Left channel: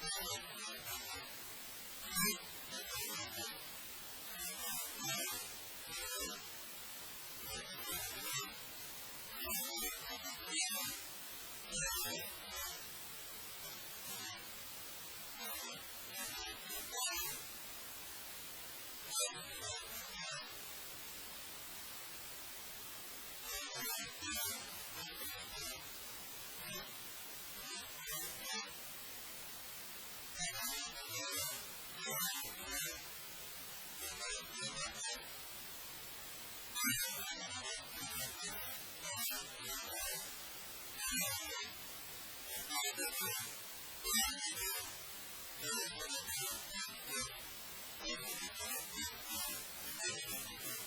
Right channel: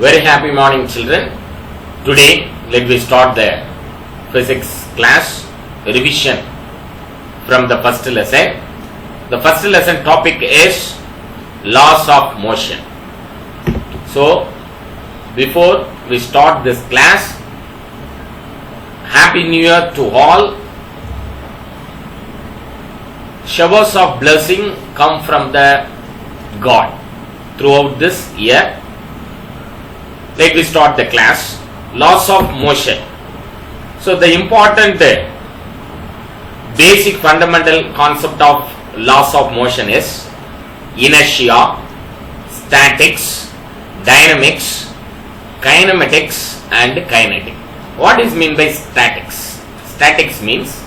Very happy morning, children. Today, let me start the physics class revision from the first lesson. The first lesson topic is laws of motion. So, before we start this class, Happy New Year to all. Showers of blessing come from the God throughout this year. Let me start the class. Laws of motion. So the important basic fundamental concept of laws of motion is inertia, statics, dynamics, kinematics and kinetic. What is meant by statics? Statics means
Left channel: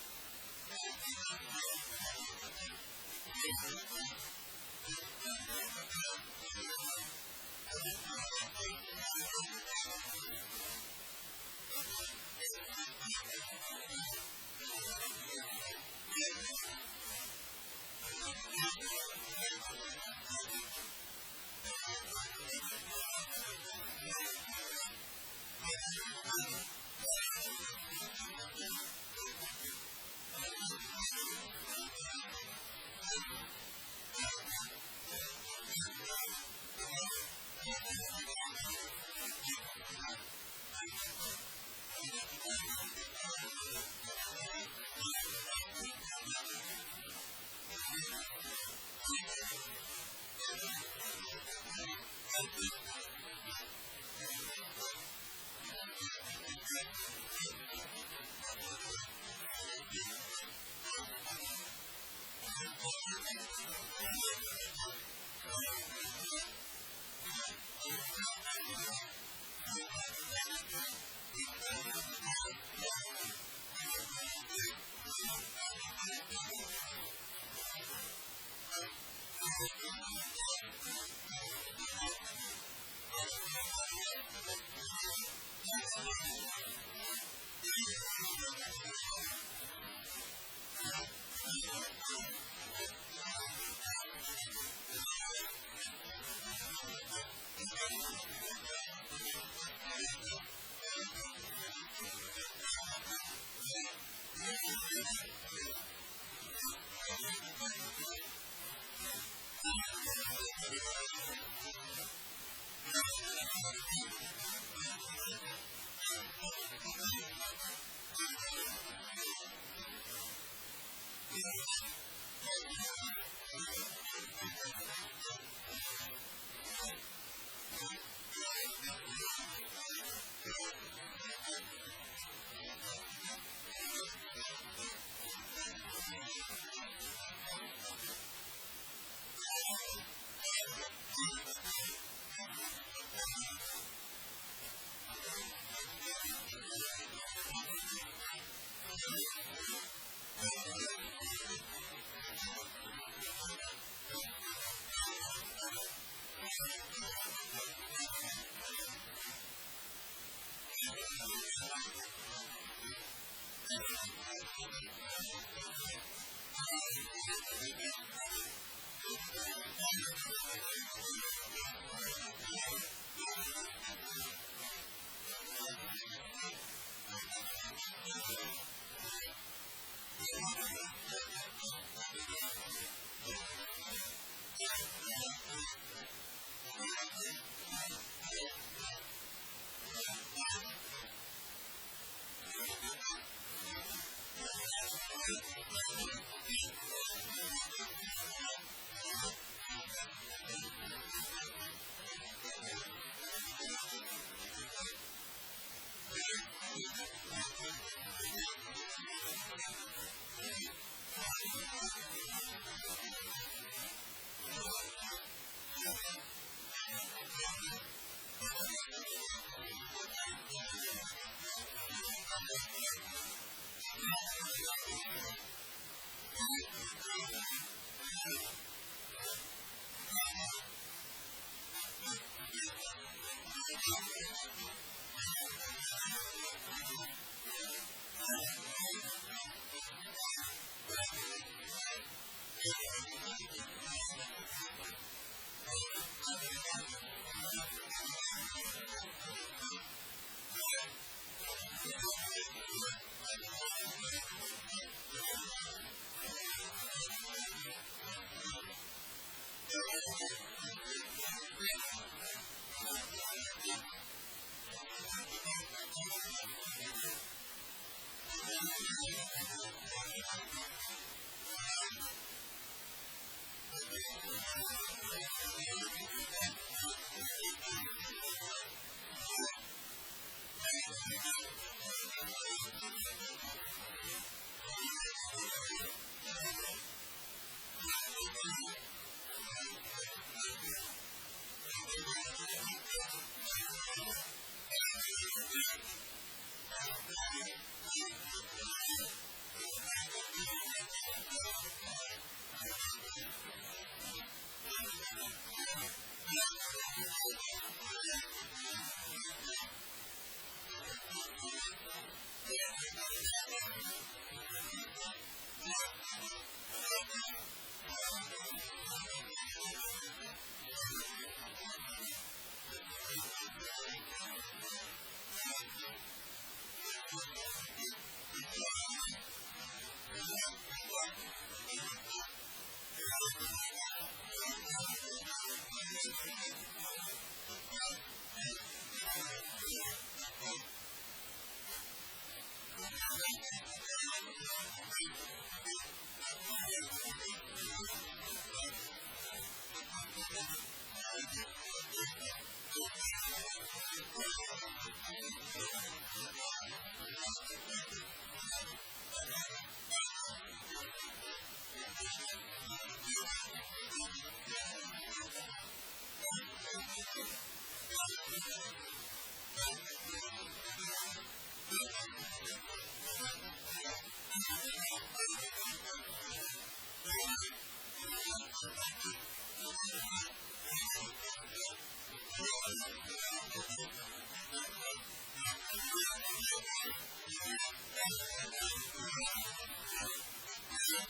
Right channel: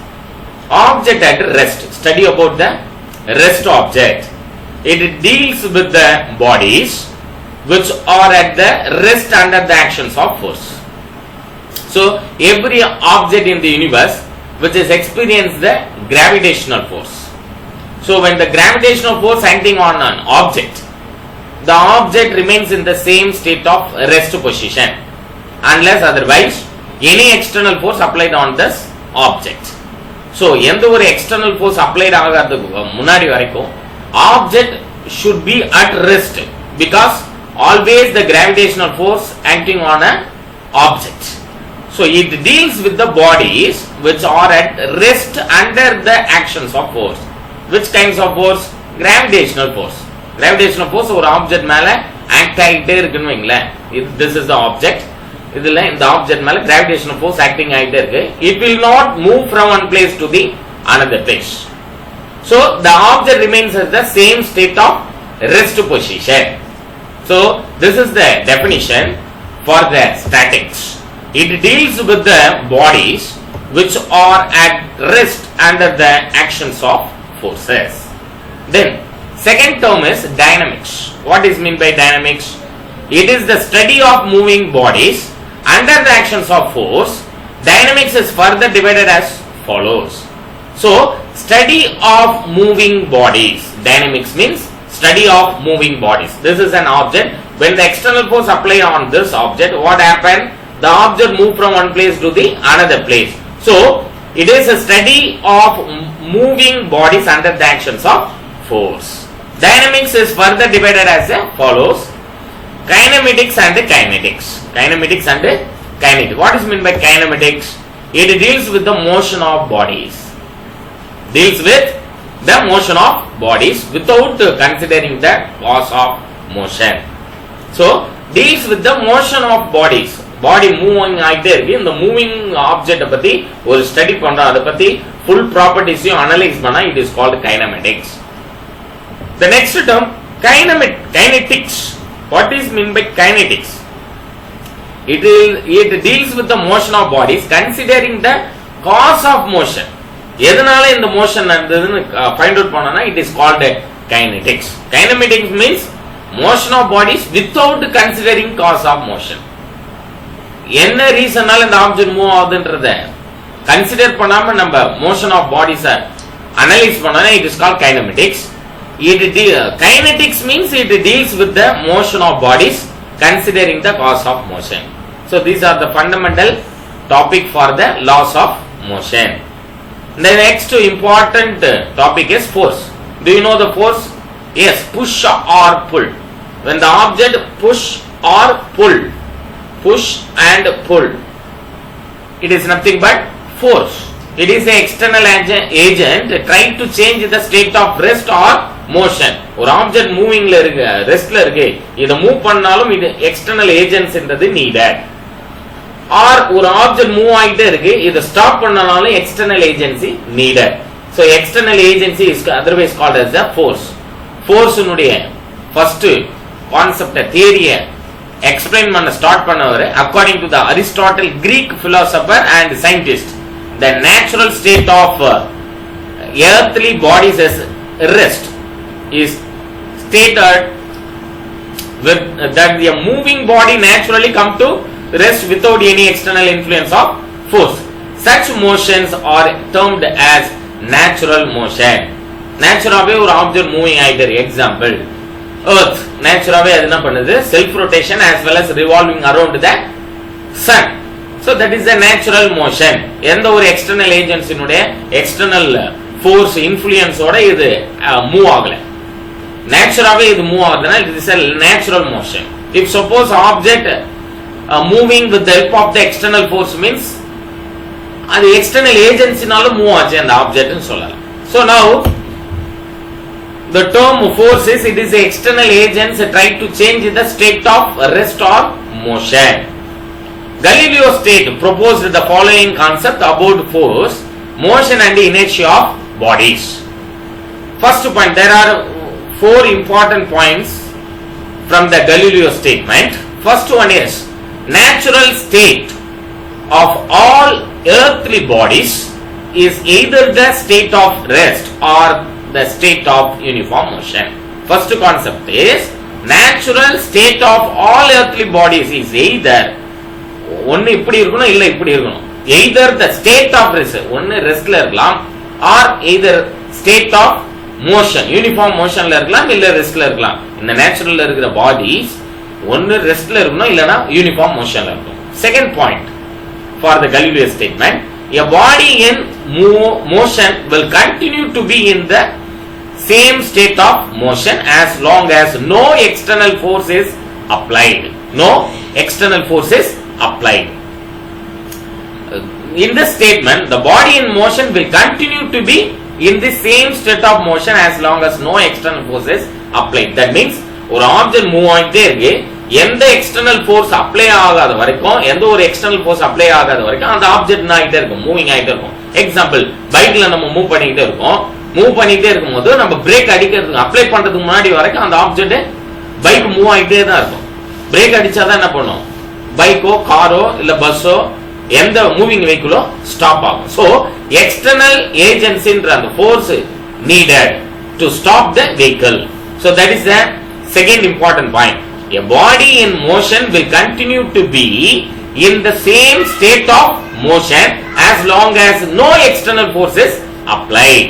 object at rest. Study about the rest object. It deals with the bodies which are at the rest under the actions of force. So, every object in the universe which is experiencing the gravitational force. So, when the gravitational force acting on an object, the object remains in the same state of rest position unless otherwise any external force applied on this object. So, எந்த ஒரு external force applied ஆகாததுக்கு முன்னாடி வரைக்கும் object should be at rest because always the gravitational force acting on an object. So, it deals with the bodies which are at rest under the actions of force. Which kinds of force? Gravitational force. Gravitational force ஒரு ஆப்ஜெக்ட் மேல ஆக்ட் ஆகிட்டே இருக்குன்னு வைங்களேன். This is the object. இதுல இந்த ஆப்ஜெக்ட் மேல gravitational force acting ஆகிட்டே இருக்கு. It will not move from one place to the another place. So, the object remains at the same state of rest position. So, this is the definition for the statics. It deals with the bodies which are at rest under the actions of forces. Then, second term is dynamics. What is meant by dynamics? It is the study of moving bodies under the actions of force. Dynamics is further divided as follows. So, study of moving bodies. Dynamics means study of moving bodies. This is an object. When the external force apply on this object, what happened? The object move from one place to the another place. So, it is a study of moving bodies under the actions of force. Dynamics is further divided as follows. Kinematics and kinetics. Kinematics and kinetics. What is meant by kinematics? It deals with the motion of bodies. Deals with the motion of bodies without considering the cause of motion. So, deals with the motion of bodies. Body moving ஆகிட்டே இருக்கு. இந்த moving object பத்தி ஒரு ஸ்டடி பண்றோம். அதை பத்தி full properties-ஐயும் அனலைஸ் பண்ணா it is called kinematics. The next term kinetics. What is meant by kinetics? It deals with the motion of bodies considering the cause of motion. எதனால இந்த மோஷன் நடந்ததுன்னு ஃபைண்ட் அவுட் பண்ணனா it is called kinetics. Kinematics means motion of bodies without considering cause of motion. என்ன ரீசனால இந்த object move ஆகுதுன்றத கன்சிடர் பண்ணாம நம்ம மோஷன் ஆஃப் பாடிஸை அனலைஸ் பண்ணனா it is called kinematics. Kinetics means it deals with the motion of bodies considering the cause of motion. So these are the fundamental topic for the laws of motion. The next important topic is force. Do you know the force? Yes, push or pull. When the object push or pull, push and pull, it is nothing but force. It is an external agent trying to change the state of rest or motion. ஒரு object மூவிங்ல இருக்கு, ரெஸ்ட்ல இருக்கு, இதை move பண்ணாலும் இது external agents என்றது needed. Or ஒரு ஆப்ஜெக்ட் மூவ் ஆகிட்டே இருக்கு, இதை ஸ்டாப் பண்ணனாலும் external agency needed. So external agency is otherwise called as the force. Force உடைய ஃபர்ஸ்ட் கான்செப்ட் தியரியை எக்ஸ்பிளைன் பண்ண ஸ்டார்ட் பண்ணவர் according to the Aristotle, Greek philosopher and scientist, the natural state of earthly bodies as rest is stated with that the moving body naturally come to rest without any external influence of force. Such motions are termed as natural motion. Natural ஒரு object moving ஆயிட்டு. Example, earth naturally அது என்ன பண்ணுது self rotation as well as revolving around the sun. So that is the natural motion. எந்த ஒரு external agents இனுடைய external force influence ஓட இது move ஆகல. Naturally இது move ஆகுதுனா it is a natural motion. If suppose object moving with the help of the external force means அது external agencyனால move ஆச்சு அந்த object னு சொல்லலாம். So now the term force is it is the external agents try to change the state of rest or motion. Galileo state proposed the following concept about force, motion and inertia of bodies. First point, there are 4 important points from the Galileo statement. First one is natural state of all earthly bodies is either the state of rest or the state of uniform motion. First concept is natural state of all earthly bodies is either ஒன்னு இப்படி இருக்கணும் இல்ல இப்படி இருக்கணும். either the state of rest ஒன்னு ரெஸ்ட்ல இருக்கலாம் or either state of motion uniform motionல இருக்கலாம் இல்ல ரெஸ்ட்ல இருக்கலாம். இந்த நேச்சுரல்ல இருக்கிற பாடிஸ் ஒன்னு ரெஸ்ட்ல இருக்கணும் இல்லனா யூனிஃபார்ம் மோஷன்ல இருக்கணும். Second point for the Galileo statement, a body in motion will continue to be in the same state of motion as long as no external force is applied. No external force is applied. In this statement, the body in motion will continue to be in the same state of motion as long as no external force is applied. That means ஒரு object move ஆயிட்டே இருக்கு, எந்த external force apply ஆகாத வரைக்கும் எந்த ஒரு external force apply ஆகாத வரைக்கும் அந்த ஆப்ஜெக்ட் ஆகிட்டே இருக்கும், மூவிங் ஆகிட்டே இருக்கும். எக்ஸாம்பிள், பைக்ல நம்ம மூவ் பண்ணிக்கிட்டே இருக்கோம், மூவ் பண்ணிக்கிட்டே இருக்கும்போது நம்ம பிரேக் அடிக்கிறதுக்கு அப்ளை பண்றதுக்கு முன்னாடி வரைக்கும் அந்த ஆப்ஜெக்ட் பைக் மூவ் ஆகிட்டே தான் இருக்கும். பிரேக் அடிச்சாதான் என்ன பண்ணும், பைக்கோ காரோ இல்ல பஸ்ஸோ எந்த மூவிங் வெஹிக்கிளோ ஸ்டாப் ஆகும். சோ எக்ஸ்டர்னல் ஏஜென்சின்ற அந்த force needed to stop the vehicle. So that is the second important point. A body in motion will continue to be in the same state of motion as long as no external force is applied.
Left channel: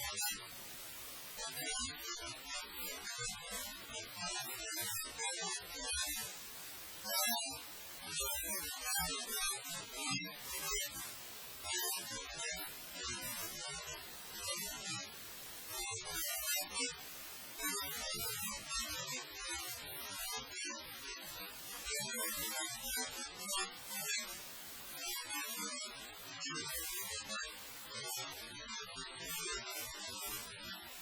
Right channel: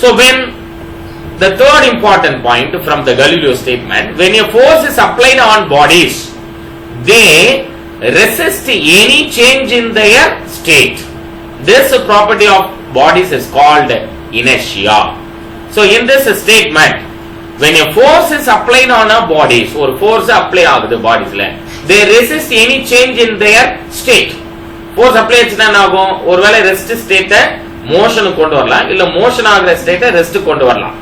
So when the third important point from the Galileo statement, when a force is applied on bodies, they resist any change in their state. This property of bodies is called inertia. So in this statement, when a force is applied on a bodies, or force apply ஆகுது பாடிஸ்ல, they resist any change in their state. force apply ஆச்சுனா என்ன ஆகும், ஒருவேளை ரெஸ்ட் ஸ்டேட்டை மோஷனுக்கு கொண்டு வரலாம், இல்ல மோஷன் ஆகிற ஸ்டேட்டை ரெஸ்ட் கொண்டு வரலாம்.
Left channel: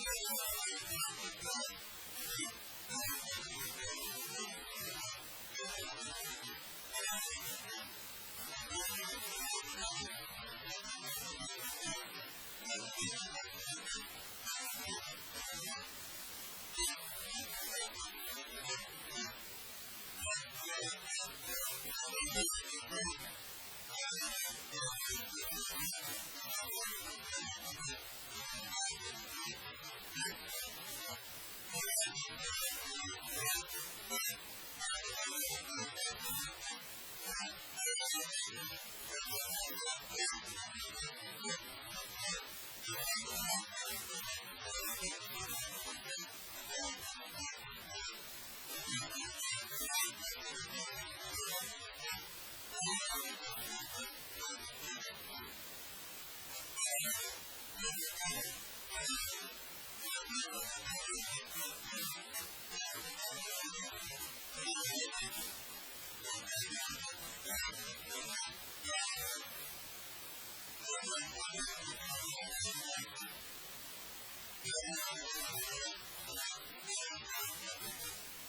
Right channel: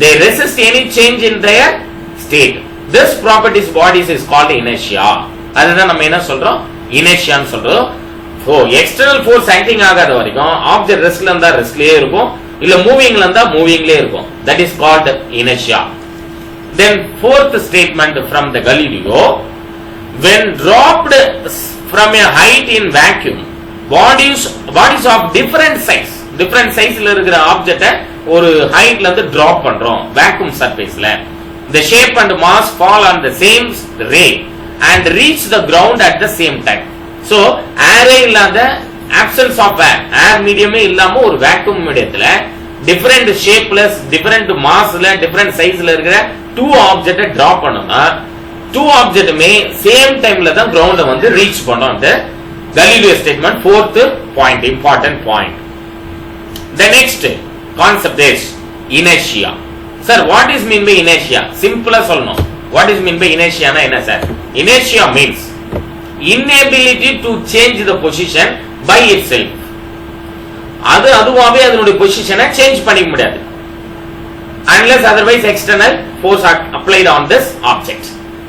they resist any change in their state. This properties bodies is called inertia. அதுதான் நம்ம என்ன சொல்றோம், இனர்ஷியான்னு சொல்றோம். So external force acting ஆகாத வரைக்கும் ஆப்ஜெக்ட் ரெஸ்ட்ல இருந்தா ரெஸ்ட்லயே இருக்கும், இல்ல மூவிங்ல இருந்தா மூவிங்லயே இருக்கும். That is called inertia. Then fourth statement from the Galileo, when dropped from a height in vacuum, bodies of different sizeல இருக்கிற ஆப்ஜெக்ட ஒரு ஹைட்ல இருந்து டிராப் பண்றோம் vacuum surfaceல, the shape and mass fall on the same ray and reach the ground at the same time. So air இல்லாத absence of air medium இல்லாம ஒரு vacuum மீடியத்துல different shapeless different massல different sizeல இருக்கிற two object drop பண்ணோம்னா two object மே same timeல தான் ground வந்து reach பண்ணோம். அந்த Galileo statement fourth point, important point. The next concept is inertia. Sir, what is mean by inertia? Simple ஆ சொல்லணும். What is mean by inertia னா என்ன sir? Inertia means inability to change the position by itself. அதுவாவே அதனுடைய பொசிஷனை சேஞ்ச் பண்ணிக்க முடியாது unless otherwise external force applied on this object.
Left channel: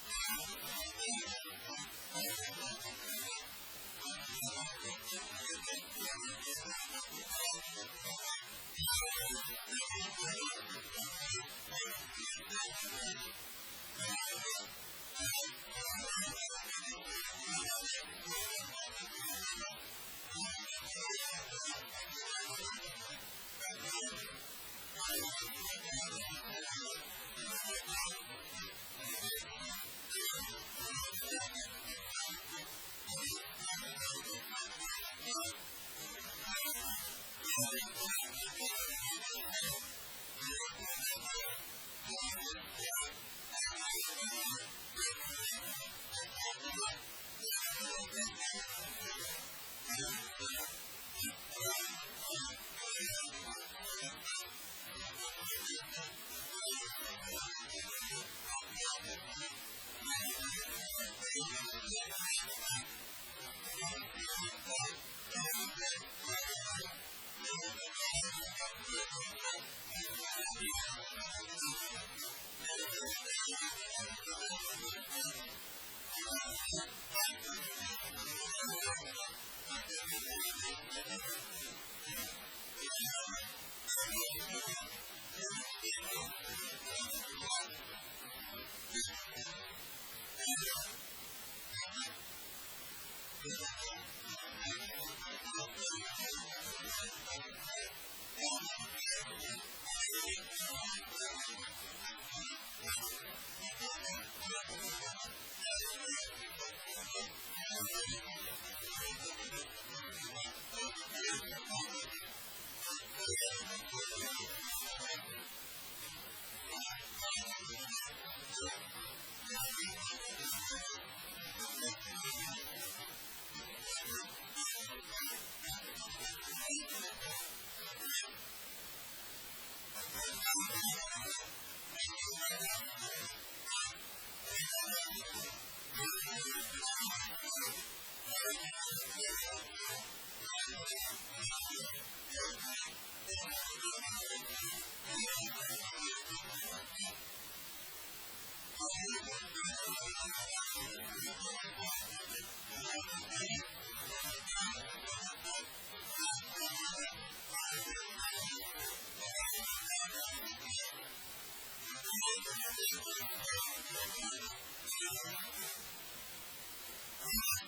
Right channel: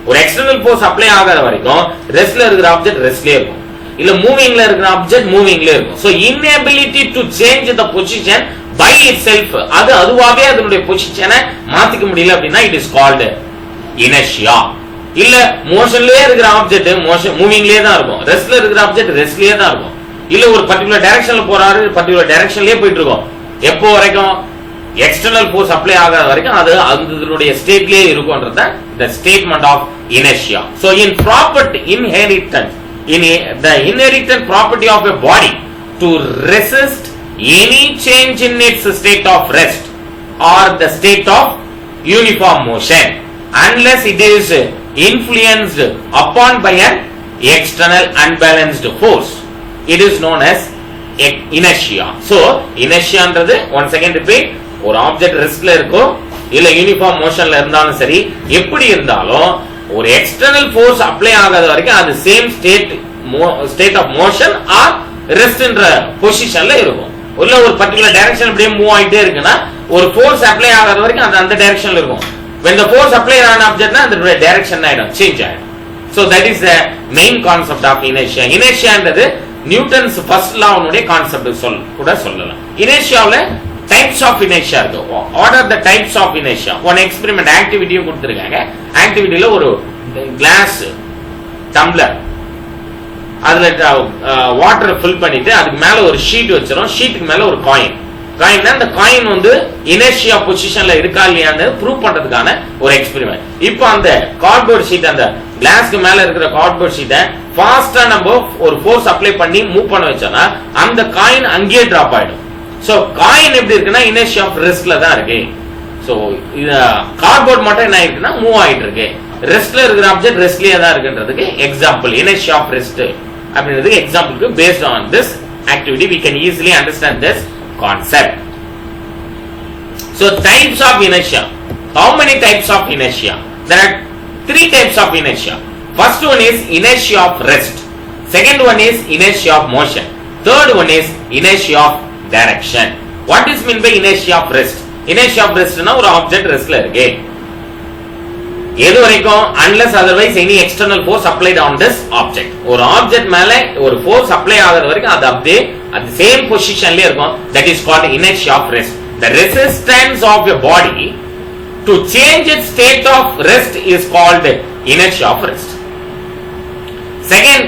ஒரு external force apply ஆகாத வரைக்கும் ரெஸ்ட்ல இருக்கிற ஆப்ஜெக்ட் ரெஸ்ட்லயே இருக்கும், இல்ல மூவிங்ல இருக்கிற ஆப்ஜெக்ட் மூவிங்லயே இருக்கும். So inability to change the position by itself, அதுவாவே அதனுடைய பொசிஷனை மாத்திக்க முடியல அப்படின்னா it is called inertia. இல்ல மோஷன்லயே இருக்கிற ஆப்ஜெக்ட் மோஷன் மூவிங்லயே தான் இருக்கும், ரெஸ்ட்ல இருக்கிற ஆப்ஜெக்ட் ரெஸ்ட்லயே தான் இருக்கும், இல்ல ஒரு பர்టిక్యులர் டைரக்ஷன்ல போறாரு பர்టిక్యులர் டைரக்ஷன்லயே போயிட்டு இருக்கோம். எப்போ வரைக்கும் எக்ஸ்டர்னல் ஃபோர்ஸ் அப்ளை ஆகாத வரைக்கும் அது அதனுடைய ஸ்டேட்லயே இருக்கும்ன்றத the statement of inertia. So in property inheritance, in the inherent property of a body to resist any change in its state of rest or the state of uniform motion, unless it is influenced upon by an external unbalanced force. It is known as inertia. So inertia என்றது once again repeat, ஒரு ஆப்ஜெக்ட் ரெஸ்ட்ல இருக்கோ இல்ல யூனிஃபார்ம் மோஷன்ல இருந்தாலும் சரி, எப்படி இருந்தாலும் ஒரு எக்ஸ்டர்னல் ஃபோர்ஸ் அப்ளை ஆகாத வரைக்கும் அது same state of motion or ரெஸ்ட்ன்ற பொசிஷன்ல இருக்கும். உள்ள ஒரு பர்టిక్యులர் டைரக்ஷன் அப்படியே மூவ் ஆயிட்டே இருக்குன்னா ஒரு ஃபோர்ஸ் அப்ளை ஆகாத வரைக்கும் அது அந்த டைரக்ஷன்ல இருக்கும். when the force applied on object na the direction ஆயிடும், சேஞ்ச் ஆயிடும். so that is the main concept of inertia. inertia என்றது நியூட்டன்ஸ் ஃபர்ஸ்ட் லா உடைய கான்செப்ட் கூட சொல்லலாம். இனர்ஷியாவுல டைப்ஸ் ஆஃப் இனர்ஷியா இருக்கு. What are the types of inertia? One experiment ஆக்டிவிட்டியும் கொடுத்திருக்காங்க. ஆக்டிவிட்டில ஒரு கிளாஸ் டம்ளர், அதுல வாட்டர் ஃபில் பண்ணிட்டு அதுக்கு மேல ஒரு ஷீட் வச்சிரும். ஷீட்டுக்கு மேல ஒரு காயின். அந்த காயின் வந்து இனர்ஷியா பொசிஷன்ல இருக்கா இல்லையான்னு ப்ரூவ் பண்றதுக்கான ஒரு எக்ஸ்பெரிமெண்ட். இப்போ அந்த கார்ட்போர்ட் ஷீட், அந்த கிளாஸ்க்கு மேல இருக்கிற கார்ட்போர்ட் ஷீட்டை ஃபாஸ்டா நம்ம ஒரு ஃபோர்ஸ் அப்ளை பண்ணி மூவ் பண்ண வச்சோம்னா அந்த காயின் அங்கேயே டிராப் ஆயிடும். சோ காயின் எப்படி இருக்குன்னா இனர்ஷியா ஆஃப் ரெஸ்ட்ல தான் இருக்கு. சோ இது கார்ட்போர்ட் மட்டும் என்ன இருக்குன்னா மூவ் ஆயிட்டு இருக்கு. ரெஸ்ட்ல இருக்கிற ஆப்ஜெக்ட் ரெஸ்ட்லயே தான் இருக்குன்றதுக்கு எக்ஸாம்பிள் இனர்ஷியா ஆஃப் ரெஸ்ட் அப்படின்றதுக்கு எக்ஸாம்பிளுக்கு based on this activity we can easily understand this concept. So types of inertia. How many types of inertia? There are 3 types of inertia. First one is inertia of rest. Second one is inertia of motion. Third one is inertia of direction. What is meant by inertia of rest? Inertia of rest na ஒரு object restல இருக்கு. எது வரைக்கும் unless otherwise any external force applied on this object. ஒரு object மேல ஒரு force apply ஆகுற வரைக்கும் அது அப்படியே at the same positionல இருக்கும். That is called inertia of rest. The resistance of a body to change its state of rest is called inertia of rest. Second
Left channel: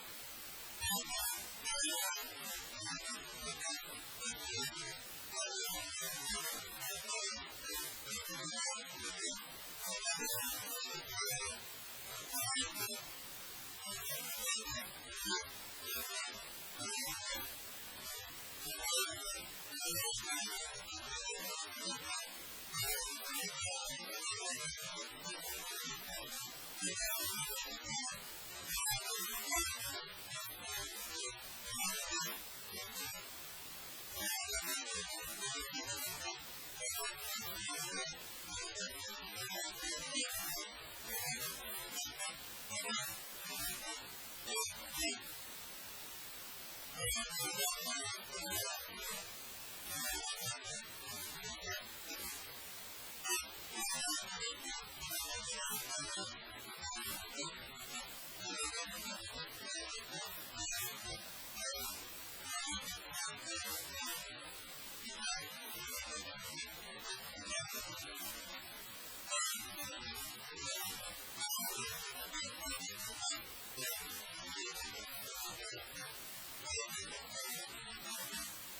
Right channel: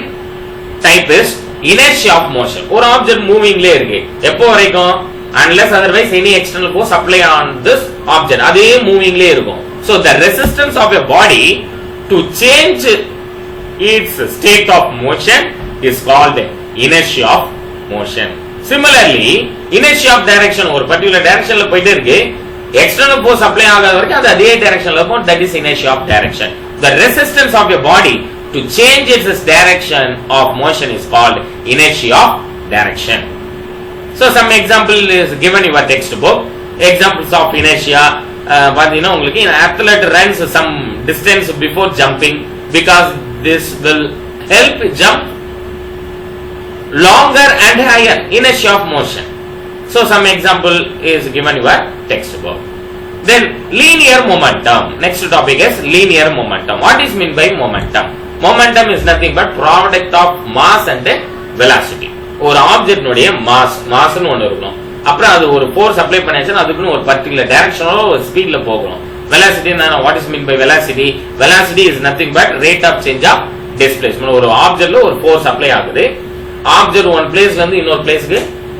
type is inertia of motion. ஒரு object movingல இருக்கு. எப்போ வரைக்கும் unless otherwise any external force apply on this object. அதே movingல இருக்கும். So the resistance of a body to change its state of motion is called inertia of motion. Similarly, inertia of direction, ஒரு particular directionல போயிட்டே இருக்கு, external force apply ஆகாத வரைக்கும் அது அதே directionல இருக்கும். That is inertia of direction. The resistance of a body to change its direction of motion is called inertia of direction. So some example is given in your textbook. Examples of inertia. பாத்தீங்கன்னா உங்களுக்கு athlete runs some distance before jumping because this will help jump longer and higher. Inertia of motion. So some example is given in your textbook. Then linear momentum. Next topic is linear momentum. What is meant by momentum? Momentum is nothing but product of mass and velocity. ஒரு ஆப்ஜெக்ட் உடைய மாஸ்னு ஒன்னு இருக்கும். அப்புறம் அது ஒரு force apply பண்ணியாச்சுன்னா அதுக்குன்னு ஒரு பர்టిక్యులர் டைரக்ஷனோட ஒரு ஸ்பீட்ல போகணும். Velocity what is mean by velocity? Velocity is nothing but rate of change of displacement. ஒரு ஆப்ஜெக்ட்ல ஒரு ஃபோர்ஸ் அப்ளை ஆகுது, ஆப்ஜெக்ட் ஒன் பிளேஸ்ல இருந்து இன்னொரு பிளேஸ்க்கு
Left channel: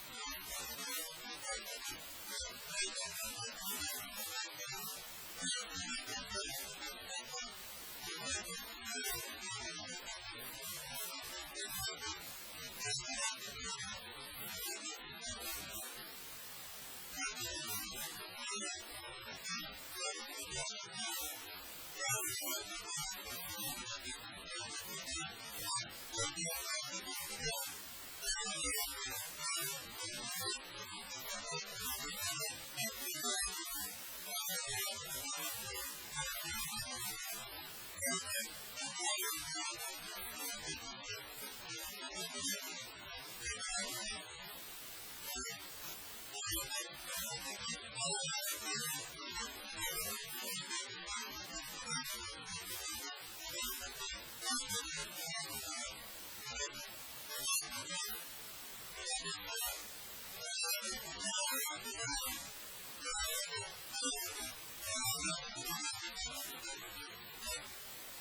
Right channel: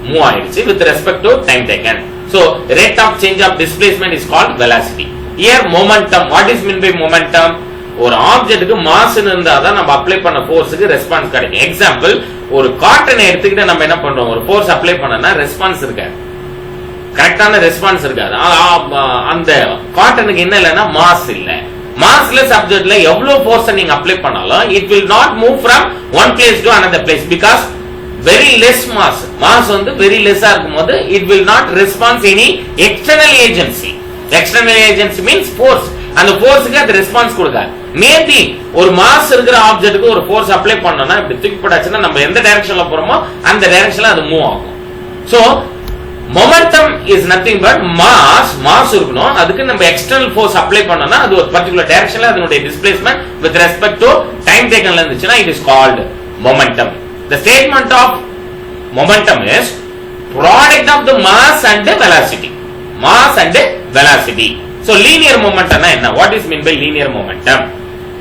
மூவ் ஆயிடுச்சு with respect to time taken. So rate of change of displacement is called velocity. Here momentum. What is mean by momentum? ஒரு ஆப்ஜெக்ட்டுக்கு மாஸ் இருந்தா தான் நம்ம அப்ளை பண்ண ஃபோர்ஸ்க்கு ரெஸ்பான்ஸ் கிடைக்கும். எக்ஸாம்பிள், ஒரு காட்டனை எடுத்துக்கிட்டு நம்ம என்ன பண்றோம், ஒரு ஃபோர்ஸ் அப்ளை பண்ணனா ரெஸ்பான்ஸ் இருக்காது, கரெக்டான ரெஸ்பான்ஸ் இருக்காது. அந்த காட்டனுக்கு என்ன இல்லைன்னா மாஸ் இல்ல. மாஸ்லெஸ் ஆப்ஜெக்ட்ல எவ்வளவு ஃபோர்ஸ் நீங்க அப்ளை பண்ணாலும் it will not move from one place to another place because very less mass. Mass வந்து வெரி லெஸ்ஸா இருக்கும்போது it will not respond any external agency. External agency means force. அந்த ஃபோர்ஸ்க்கு அது ரெஸ்பான்ஸ் கொடுக்காது. மேபி ஒரு மாஸ் இருக்கிற ஆப்ஜெக்ட்டுக்கு ஒரு ஃபோர்ஸ் அப்ளை பண்ணோம்னா இப்படி தூக்கி போட்டாச்சுன்னா நம்ம எந்த டைரக்ஷன்ல போறோமோ அந்த டைரக்ஷன்ல அது மூவ் ஆகும். So momentum is nothing but mass இருக்கணும், அதுக்கு நம்ம எக்ஸ்டர்னல் ஃபோர்ஸ் அப்ளை பண்ணோம்னா அது ஒரு பர்టిక్యులர் டைரக்ஷன்ல அதனுடைய displacement with respect to time டேக்கன்ல இருந்துச்சுன்னா it is called momentum. The statement of momentum is product of the mass and the velocity. Mass and velocity. So linear momentum na enna? What is meant by linear momentum?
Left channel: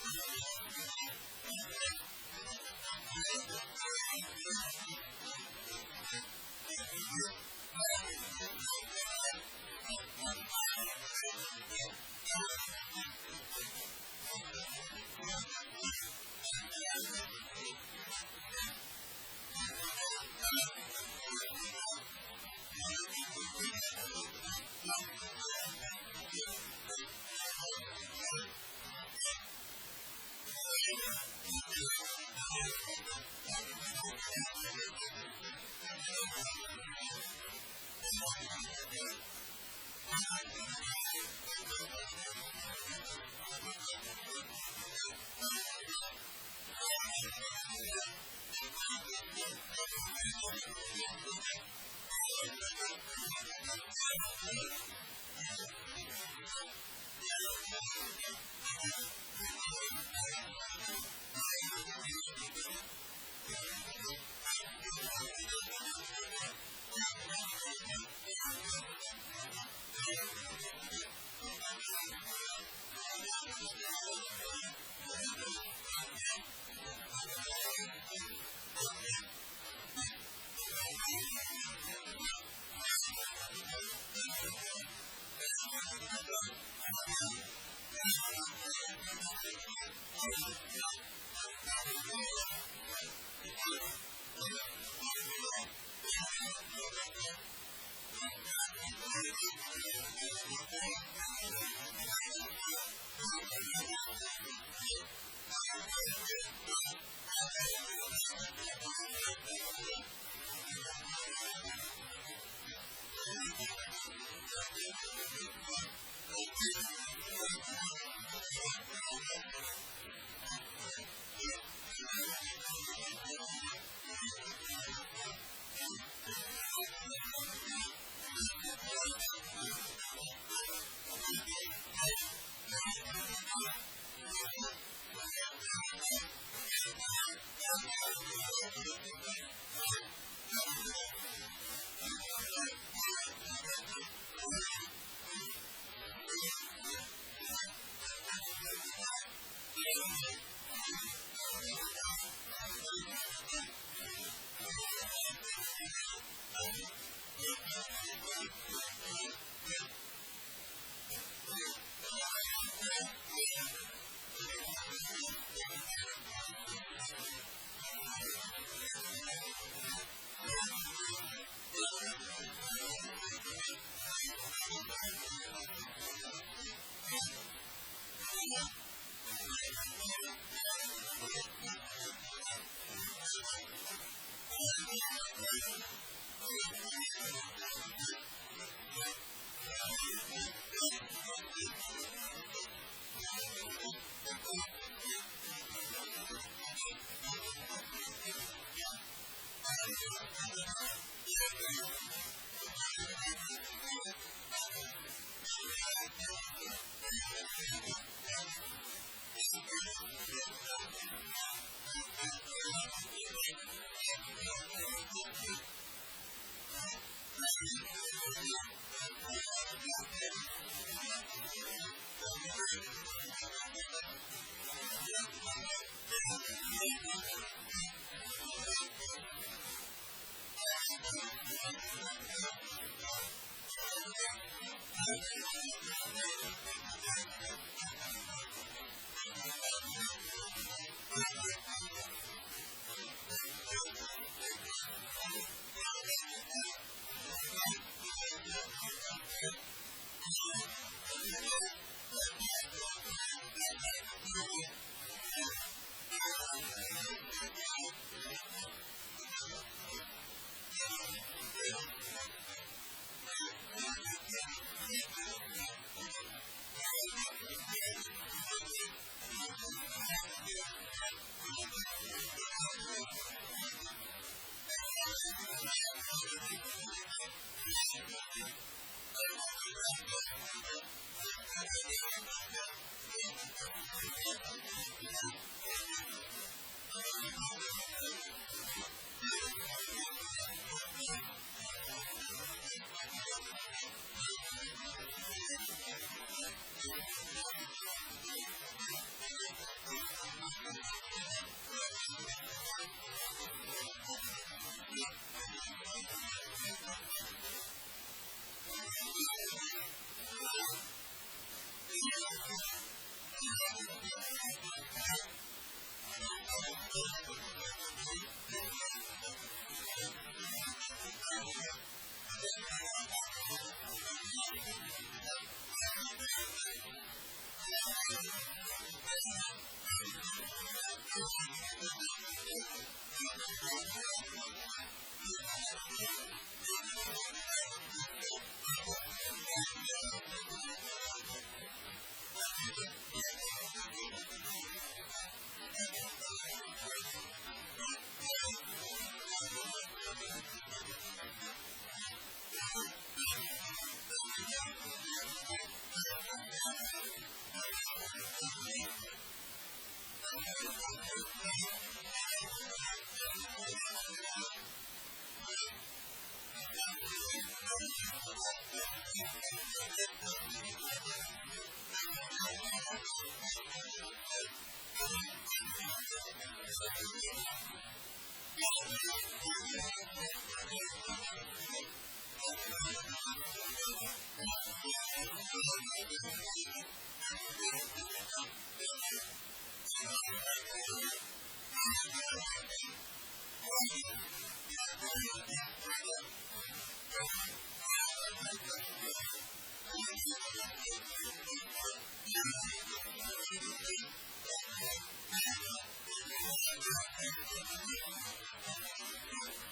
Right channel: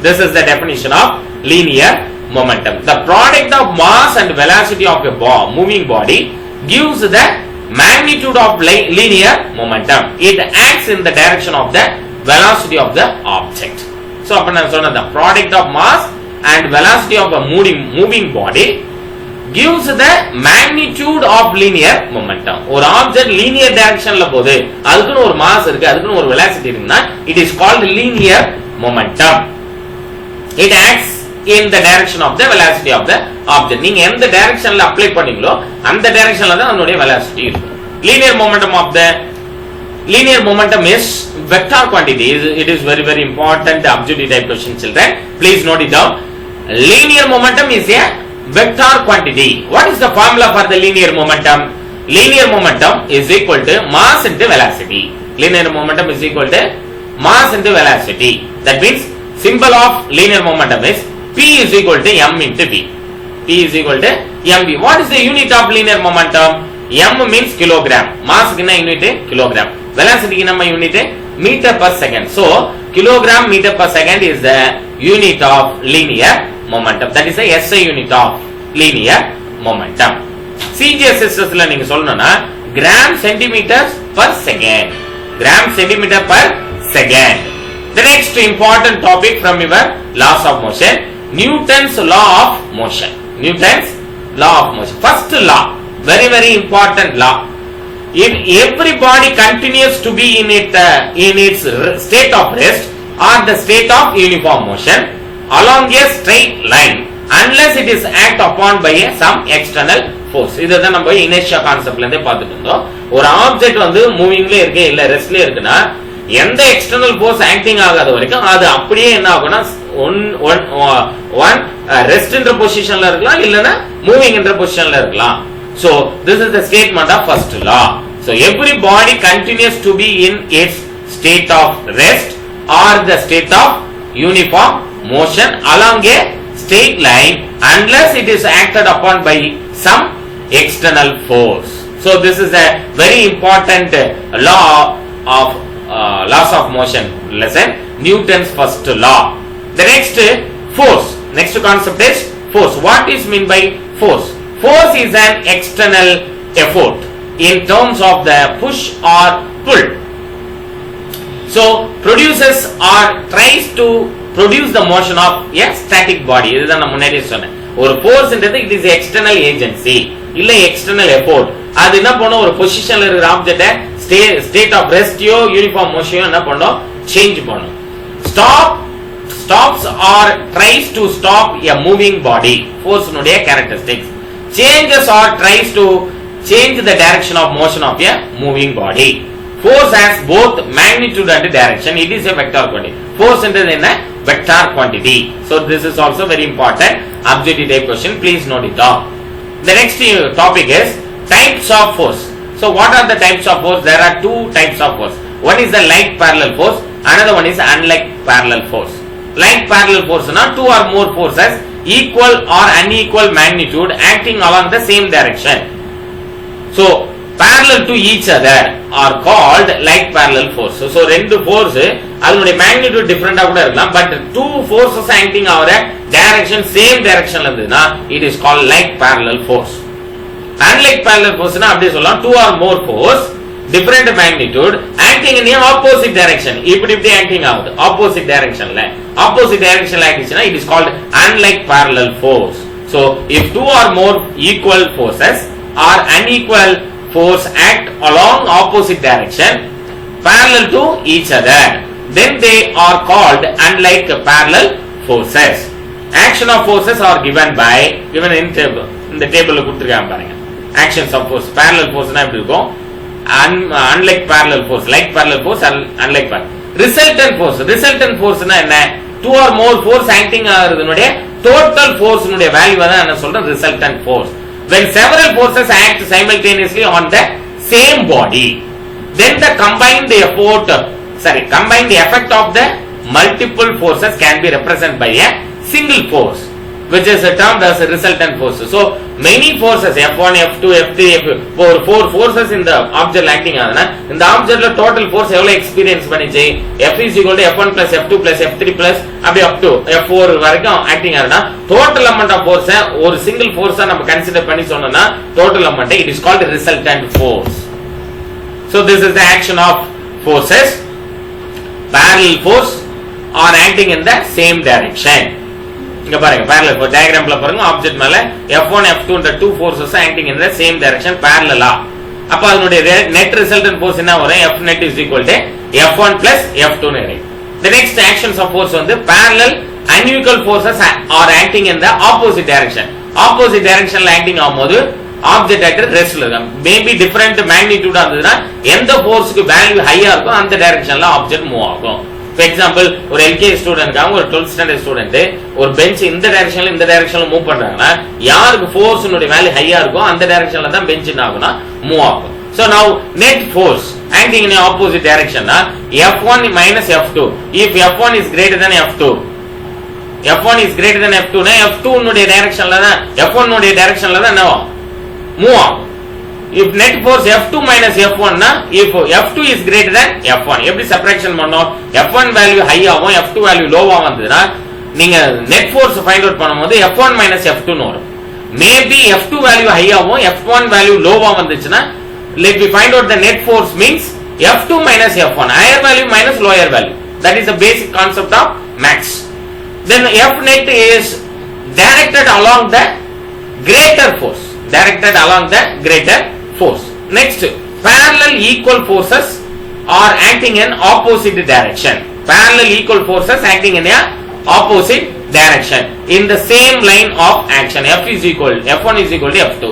This is the definition of linear momentum. The product of mass and velocity of a moving body gives the magnitude of linear momentum. It acts in the direction of the velocity of the object. So appo na sonna the product of mass and velocity of a moving body gives the magnitude of linear momentum. ஒரு object linear டைரக்ஷன்ல போகுது, அதுக்குன்னு ஒரு மாஸ் இருக்கு, அதுக்குன்னு ஒரு வெலாசிட்டி இருக்குன்னா it is called linear momentum. It acts in the direction of the velocity of the object. நீங்க எந்த டைரக்ஷன்ல அப்ளை பண்ணீங்களோ அந்த டைரக்ஷன்ல தான் அதனுடைய velocity இருக்கும். Linear momentum is vector quantity. It is very very important objective type question, children. Please note it down. Linear momentum is a vector quantity. What is the formula for the linear momentum? Linear momentum is equal to mass into velocity. Linear momentum is equal to mass into velocity. That means symbol of linear momentum is P is equal to m into v. P is equal to mv. What is the unit of linear momentum? M means kilogram. Mass is unit kilogram. Velocity is unit meter per second. So kilogram meter per second is the unit of linear momentum. That is the SI unit of linear momentum. CGSS la neenga solnona gram centimeters per second. Gram centimeter per second. The next important topic from your laws of motion, Newton's law of motion. Newton's law of motion. First law, very very important law. If every body continues to be in its state of rest or the state of uniform motion along a straight line unless it is act upon by some external force. இதுதான் நம்ம inertia கான்செப்ட்ல இருந்தே பார்த்துட்டு இருந்தோம். ஒரு ஆப்ஜெக்ட் வந்து மூவிங்ல இருக்கு இல்ல ரெஸ்ட்ல இருக்குன்னா எந்த எக்ஸ்டர்னல் ஃபோர்ஸ் ஆக்டிங் ஆகாத வரைக்கும் அது அப்படியே என்ன ஆகும்னா ஒன் ரெஸ்ட் என்ற பொசிஷன்ல இருக்கலாம் இல்லனா மூவிங் என்ற பொசிஷன்ல இருக்கலாம். So this is the statement of first law. So every body continues to be in its state of rest or the state of uniform motion along a straight line unless it is acted upon by some external force. So this is a very important law of laws of motion lesson, Newton's first law. The next force, next concept is force. What is meant by force? Force is an external effort in terms of the push or pull. So produces or tries to produce the motion of a static body. இதுதான் நான் முன்னாடியே சொன்னேன். ஒரு ஃபோர்ஸ்ன்றது it is external agency இல்ல external effort. அது என்ன பண்ணும், ஒரு பொசிஷன்ல இருக்கிற ஆப்ஜெக்ட்ட ஸ்டேட் ஆஃப் ரெஸ்ட்யோ யூனிஃபார்ம் மோஷனோ என்ன பண்ணும், சேஞ்ச் பண்ணும். stops or tries to stop a moving body. Force னுடைய characteristics. Changes or tries to change the direction of motion of a moving body. Force has both magnitude and direction. It is a vector quantity. Force is a vector quantity. So this is also very important objective type question. Please note it down. The next topic is types of force. So what are the types of force? There are two types of force. One is the like parallel force. Another one is unlike parallel force. Like parallel force na two or more forces equal or unequal magnitude acting along the same direction. So parallel to each other are called like parallel force. So ரெண்டு force அதனுடைய magnitude different ஆ கூட இருக்கலாம், but two forces acting over a direction same directionல இருந்ததுனா it is called like parallel force. Unlike parallel force na அப்படியே சொல்லலாம், two or more force different magnitude acting in the opposite direction. இப்படி acting ஆகுது opposite directionல ஆக்டிச்சுனா it is called unlike parallel force. So if two or more equal forces or unequal force act along opposite direction parallel to each other, then they are called unlike parallel forces. Action of forces are given in table. இந்த டேபிள்ல கொடுத்திருக்காங்க பாருங்க. Actions of force. Parallel force னா எப்படி இருக்கும்? Unlike parallel force, like parallel force, unlike parallel. Resultant force னா என்ன? Two or more force acting ஆகுறதுனுடைய total force னுடைய வேல்யூ தான் என்ன சொல்றோம், resultant force. When several forces act simultaneously on the same body, then the combined effect of the multiple forces can be represented by a single force, which is termed as a resultant force. So many forces F1, F2, F3, F4 forces in the object acting ஆகுதுனா இந்த ஆப்ஜெக்ட்ல total force எவ்வளவு எக்ஸ்பீரியன்ஸ் பண்ணிச்சு, F is equal to F1 plus F2 plus F3 plus அப்படி up to F4 வரைக்கும் acting ஆகுதுனா total amount of force ஒரு single force நம்ம கன்சிடர் பண்ணி சொன்னோம்னா total amount it is called resultant force. So this is the action of forces. Parallel force are acting in the same direction. இங்க பாருங்க parallel force diagramல பாருங்க, ஆப்ஜெக்ட் மேல F1 F2 என்ற two forces acting in the same direction parallel. அப்ப அதனுடைய net resultant force என்ன வரும், F net is equal to F1 plus F2 னு இருக்கு. The next actions of force வந்து parallel unequal forces are acting in the opposite direction. Opposite directionல acting ஆகும்போது object at rest ல இருக்கும். Maybe different magnitude இருந்ததுன்னா எந்த ஃபோர்ஸ்க்கு வேல்யூ ஹையா இருக்கோ அந்த டைரக்ஷன்ல ஆப்ஜெக்ட் மூவ் ஆகும். For example, ஒரு LKG ஸ்டூடெண்ட்காக ஒரு 12th ஸ்டாண்டர்ட் ஸ்டூடெண்ட் ஒரு பெஞ்ச் இந்த டைரக்ஷன்ல மூவ் பண்றாங்கன்னா யாருக்கு ஃபோர்ஸ்னுடைய வேல்யூ ஹையா இருக்கோ அந்த டைரக்ஷன்ல தான் பெஞ்ச் என்ன ஆகும்னா மூவ் ஆகும். So now net force acting in the opposite direction na F1 minus F2. If F1 is greater than F2, F1 is greater than F2 na F2 னுடைய டைரக்ஷன்ல தான் F1 னுடைய டைரக்ஷன்ல தான் என்ன மூவ் ஆகும். If net force F2 minus F1 na if F2 is greater than F1 எப்படி சப்ட்ராக்ஷன் பண்ணோம் F1 வேல்யூ ஹை ஆகும் F2 வேல்யூ லோவா வந்ததுனா நீங்க net force ஃபைண்ட் அவுட் பண்ணும்போது F1 minus F2 னு வரும். மேபி F2 வேல்யூ ஹை ஆகும் F1 வேல்யூ லோவா வந்துச்சுனா let me find out the net force means F2 minus F1 higher value minus lower value. That is the basic concept of max. Then F net is directed along the greater force. Directed along the greater force. Next, parallel equal forces are acting in opposite direction. Parallel equal forces acting in a opposite direction in the same line of action. F1 is equal to F2.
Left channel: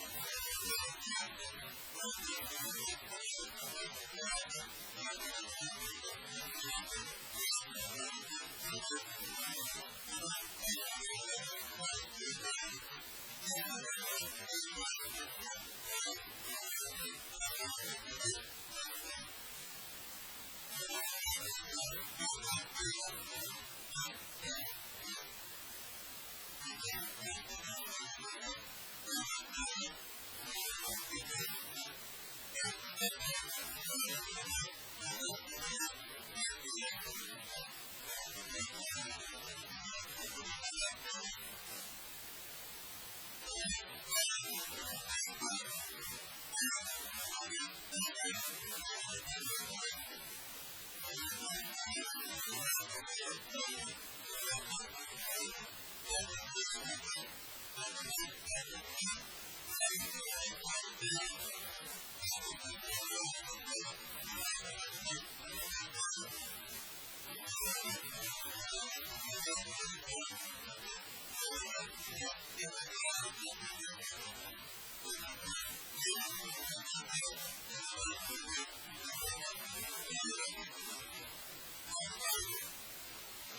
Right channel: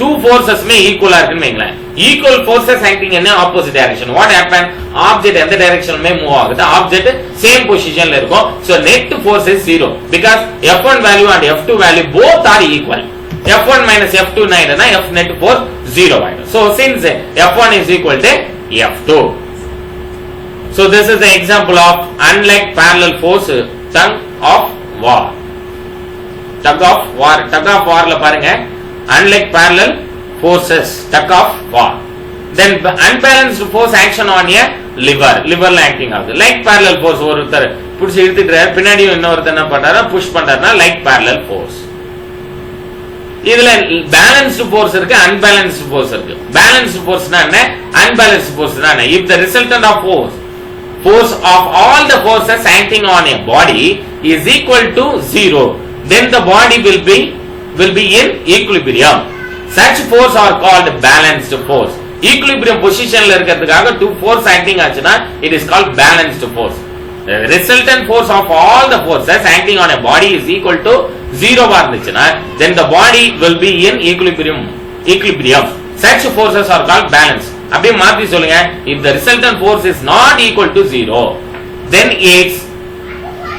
Two forces may equal இருக்குன்னு வைங்களேன். Equal forces acting in a opposite direction. What happen? Object எந்த direction மே மூவ் ஆகுது. Object same positionல இருக்கும். So net force is 0 because F1 value and F2 value both are equal. F1 minus F2 னா F net force 0 ஆயிடும். So since F1 is equal to F2. So this is the example of unlike parallel force tug of war. Tug of warல பாருங்க unlike parallel forces tug of war. Then unbalanced force action on a liverல acting ஆகுது. Like parallel force ஒருத்தர் புடிச்சு இழுத்துட்டாரு பின்னாடி இன்னொருத்தர் என்ன பண்றாரு புஷ் பண்றாருன்னா like parallel force. இதுல balanced force இருக்கு unbalanced force இருக்கு. Balanced forceனா என்ன unbalanced forceனா என்ன if the resultant of force of all the forces acting on a body is equal to 0 then the body will be in equilibrium. Such force are called balanced force. Equilibrium positionல இருக்கிறதுக்காக two force acting ஆச்சுனா it is called balanced force. The resultant force of all the forces acting on a body is equal to 0 இருந்துச்சுனா then the body will be in equilibrium. Such forces are called balanced. அப்படியே மாத்தி சொல்லுங்க if the resultant force is not equal to 0 then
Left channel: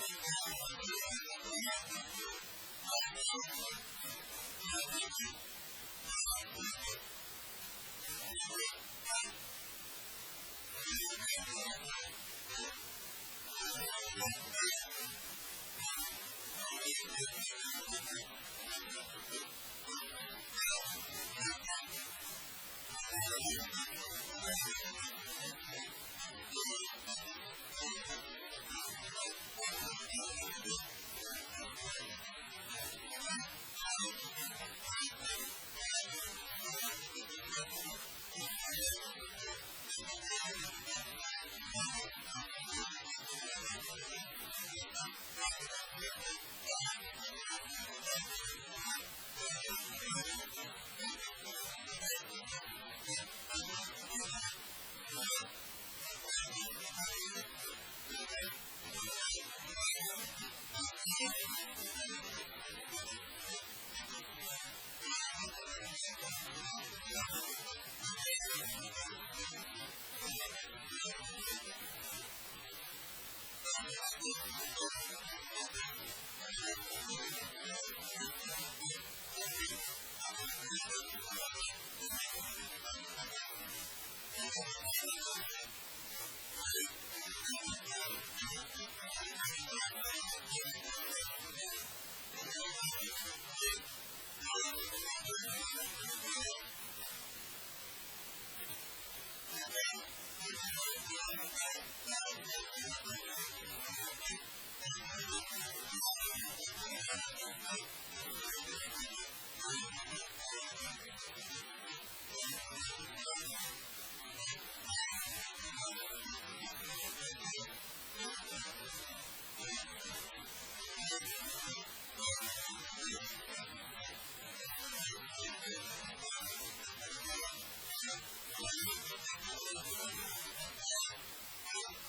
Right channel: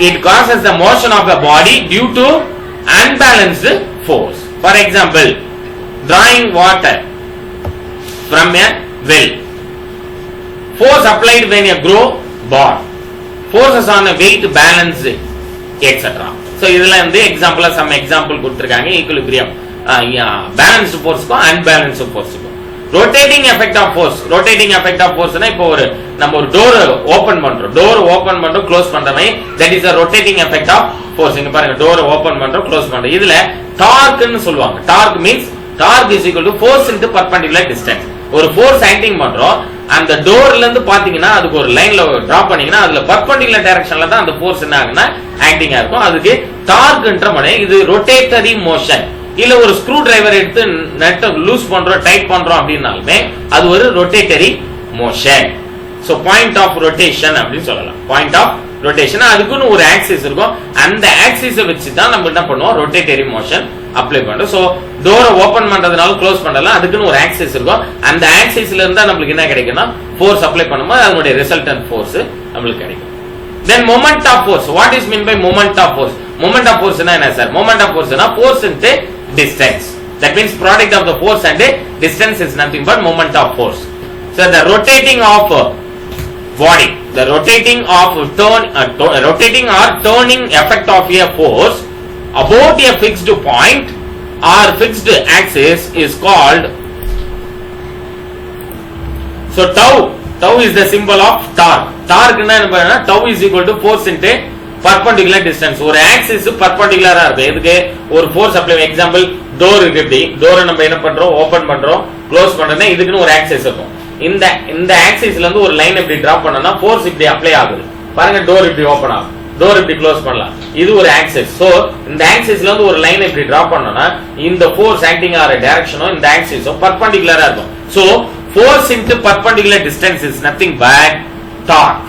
it causes the motion of the body due to unbalanced force. For example, drawing water from a well. Force applied when a grow bar. Forces on a weight balance etc. So இதெல்லாம் வந்து எக்ஸாம்பிளா some example கொடுத்திருக்காங்க equilibrium balanced force க்கு unbalanced force க்கு. Rotating effect of force னா இப்போ நம்ம ஒரு டோர் ஓபன் பண்றோம் க்ளோஸ் பண்றோமே that is a rotating effect of force. இங்க பாருங்க டோர் ஓபன் பண்றோம் க்ளோஸ் பண்றோம் இதுல டார்க் ன்னு சொல்வாங்க. Torque means torque is equal to force into perpendicular distance. ஒரு ஃபோர்ஸ் ஆக்டிங் பண்றோம் அந்த டோர்ல இருந்து பாத்தீங்கன்னா அதுக்கு ஒரு லைன்ல டிராப் பண்ணீங்கன்னா அதுல perpendicular directionல தான் அந்த ஃபோர்ஸ் என்ன ஆகுனா ஆக்டிங்கா இருக்கும். அதுக்கு டார்க்ன்ற மனே இது ரொட்டேட்டரி மோஷன். இல்ல ஒரு ஸ்க்ரூ டிரைவர் எடுத்து நட் லூஸ் பண்றோம் டைட் பண்றோம் அப்படினாலுமே அது ஒரு rotatory motion. So point of rotation அப்படி சொல்லலாம். பாயிண்ட் ஆஃப் ரொட்டேஷன் அதுக்குன்னு ஒரு ஆக்சிஸ் இருக்கும். அந்த ஆக்சிஸை வச்சு தான் நம்ம என்ன பண்ணுவோம் ரொட்டேட்டரி மோஷன் அப்ளை பண்றோம். சோ டோரை ஓபன் பண்றதுனால க்ளோஸ் பண்றதுனால அதுக்குன்னு ஒரு ஆக்சிஸ் இருக்கும். அந்த ஆக்சிஸ்ல இருந்தா நமக்கு என்ன கிடைக்கும்னா ஃபோர்ஸ் அப்ளை பண்ணும்போது அதனுடைய ரிசல்டன்ட் ஃபோர்ஸ் நமக்கு கிடைக்கும். Then moment of force. What is meant by moment of force? Moment of force என்ன சார்? Moment of force னா force into distance. That means product of the force and distance is nothing but moment of force. So the rotating of body, the rotating or turning effect of a force about a fixed point or fixed axis is called. So tau is the symbol of torque. Torque என்ன அப்படினா tau is equal to force into perpendicular distance. ஒரு axis perpendicular-ஆ இருக்கு. இதுக்கு ஒரு force apply. Example door இருக்கு. இப்படி டோரை நம்ம என்ன பண்றோம் ஓபன் பண்றோம் க்ளோஸ் பண்றோம்னா இதுக்குன்னு ஒரு axis இருக்கும். இந்த axisல இருந்து ஒரு லைன் இப்படி டிராப் பண்ணனா force இப்படி அப்ளை ஆகுது. பாருங்க டோர் இப்படி ஓபன் ஆகும். டோர் இப்படி க்ளோஸ் பண்ணலாம். இது ஒரு axis. சோ இந்த axisல இருந்து ஒரு லைன் இப்படி டிராப் பண்ணனா இந்த force acting ஆற டைரக்ஷனும் இந்த axisம் perpendicular-ஆ இருக்கும். So force into perpendicular distance is nothing but torque.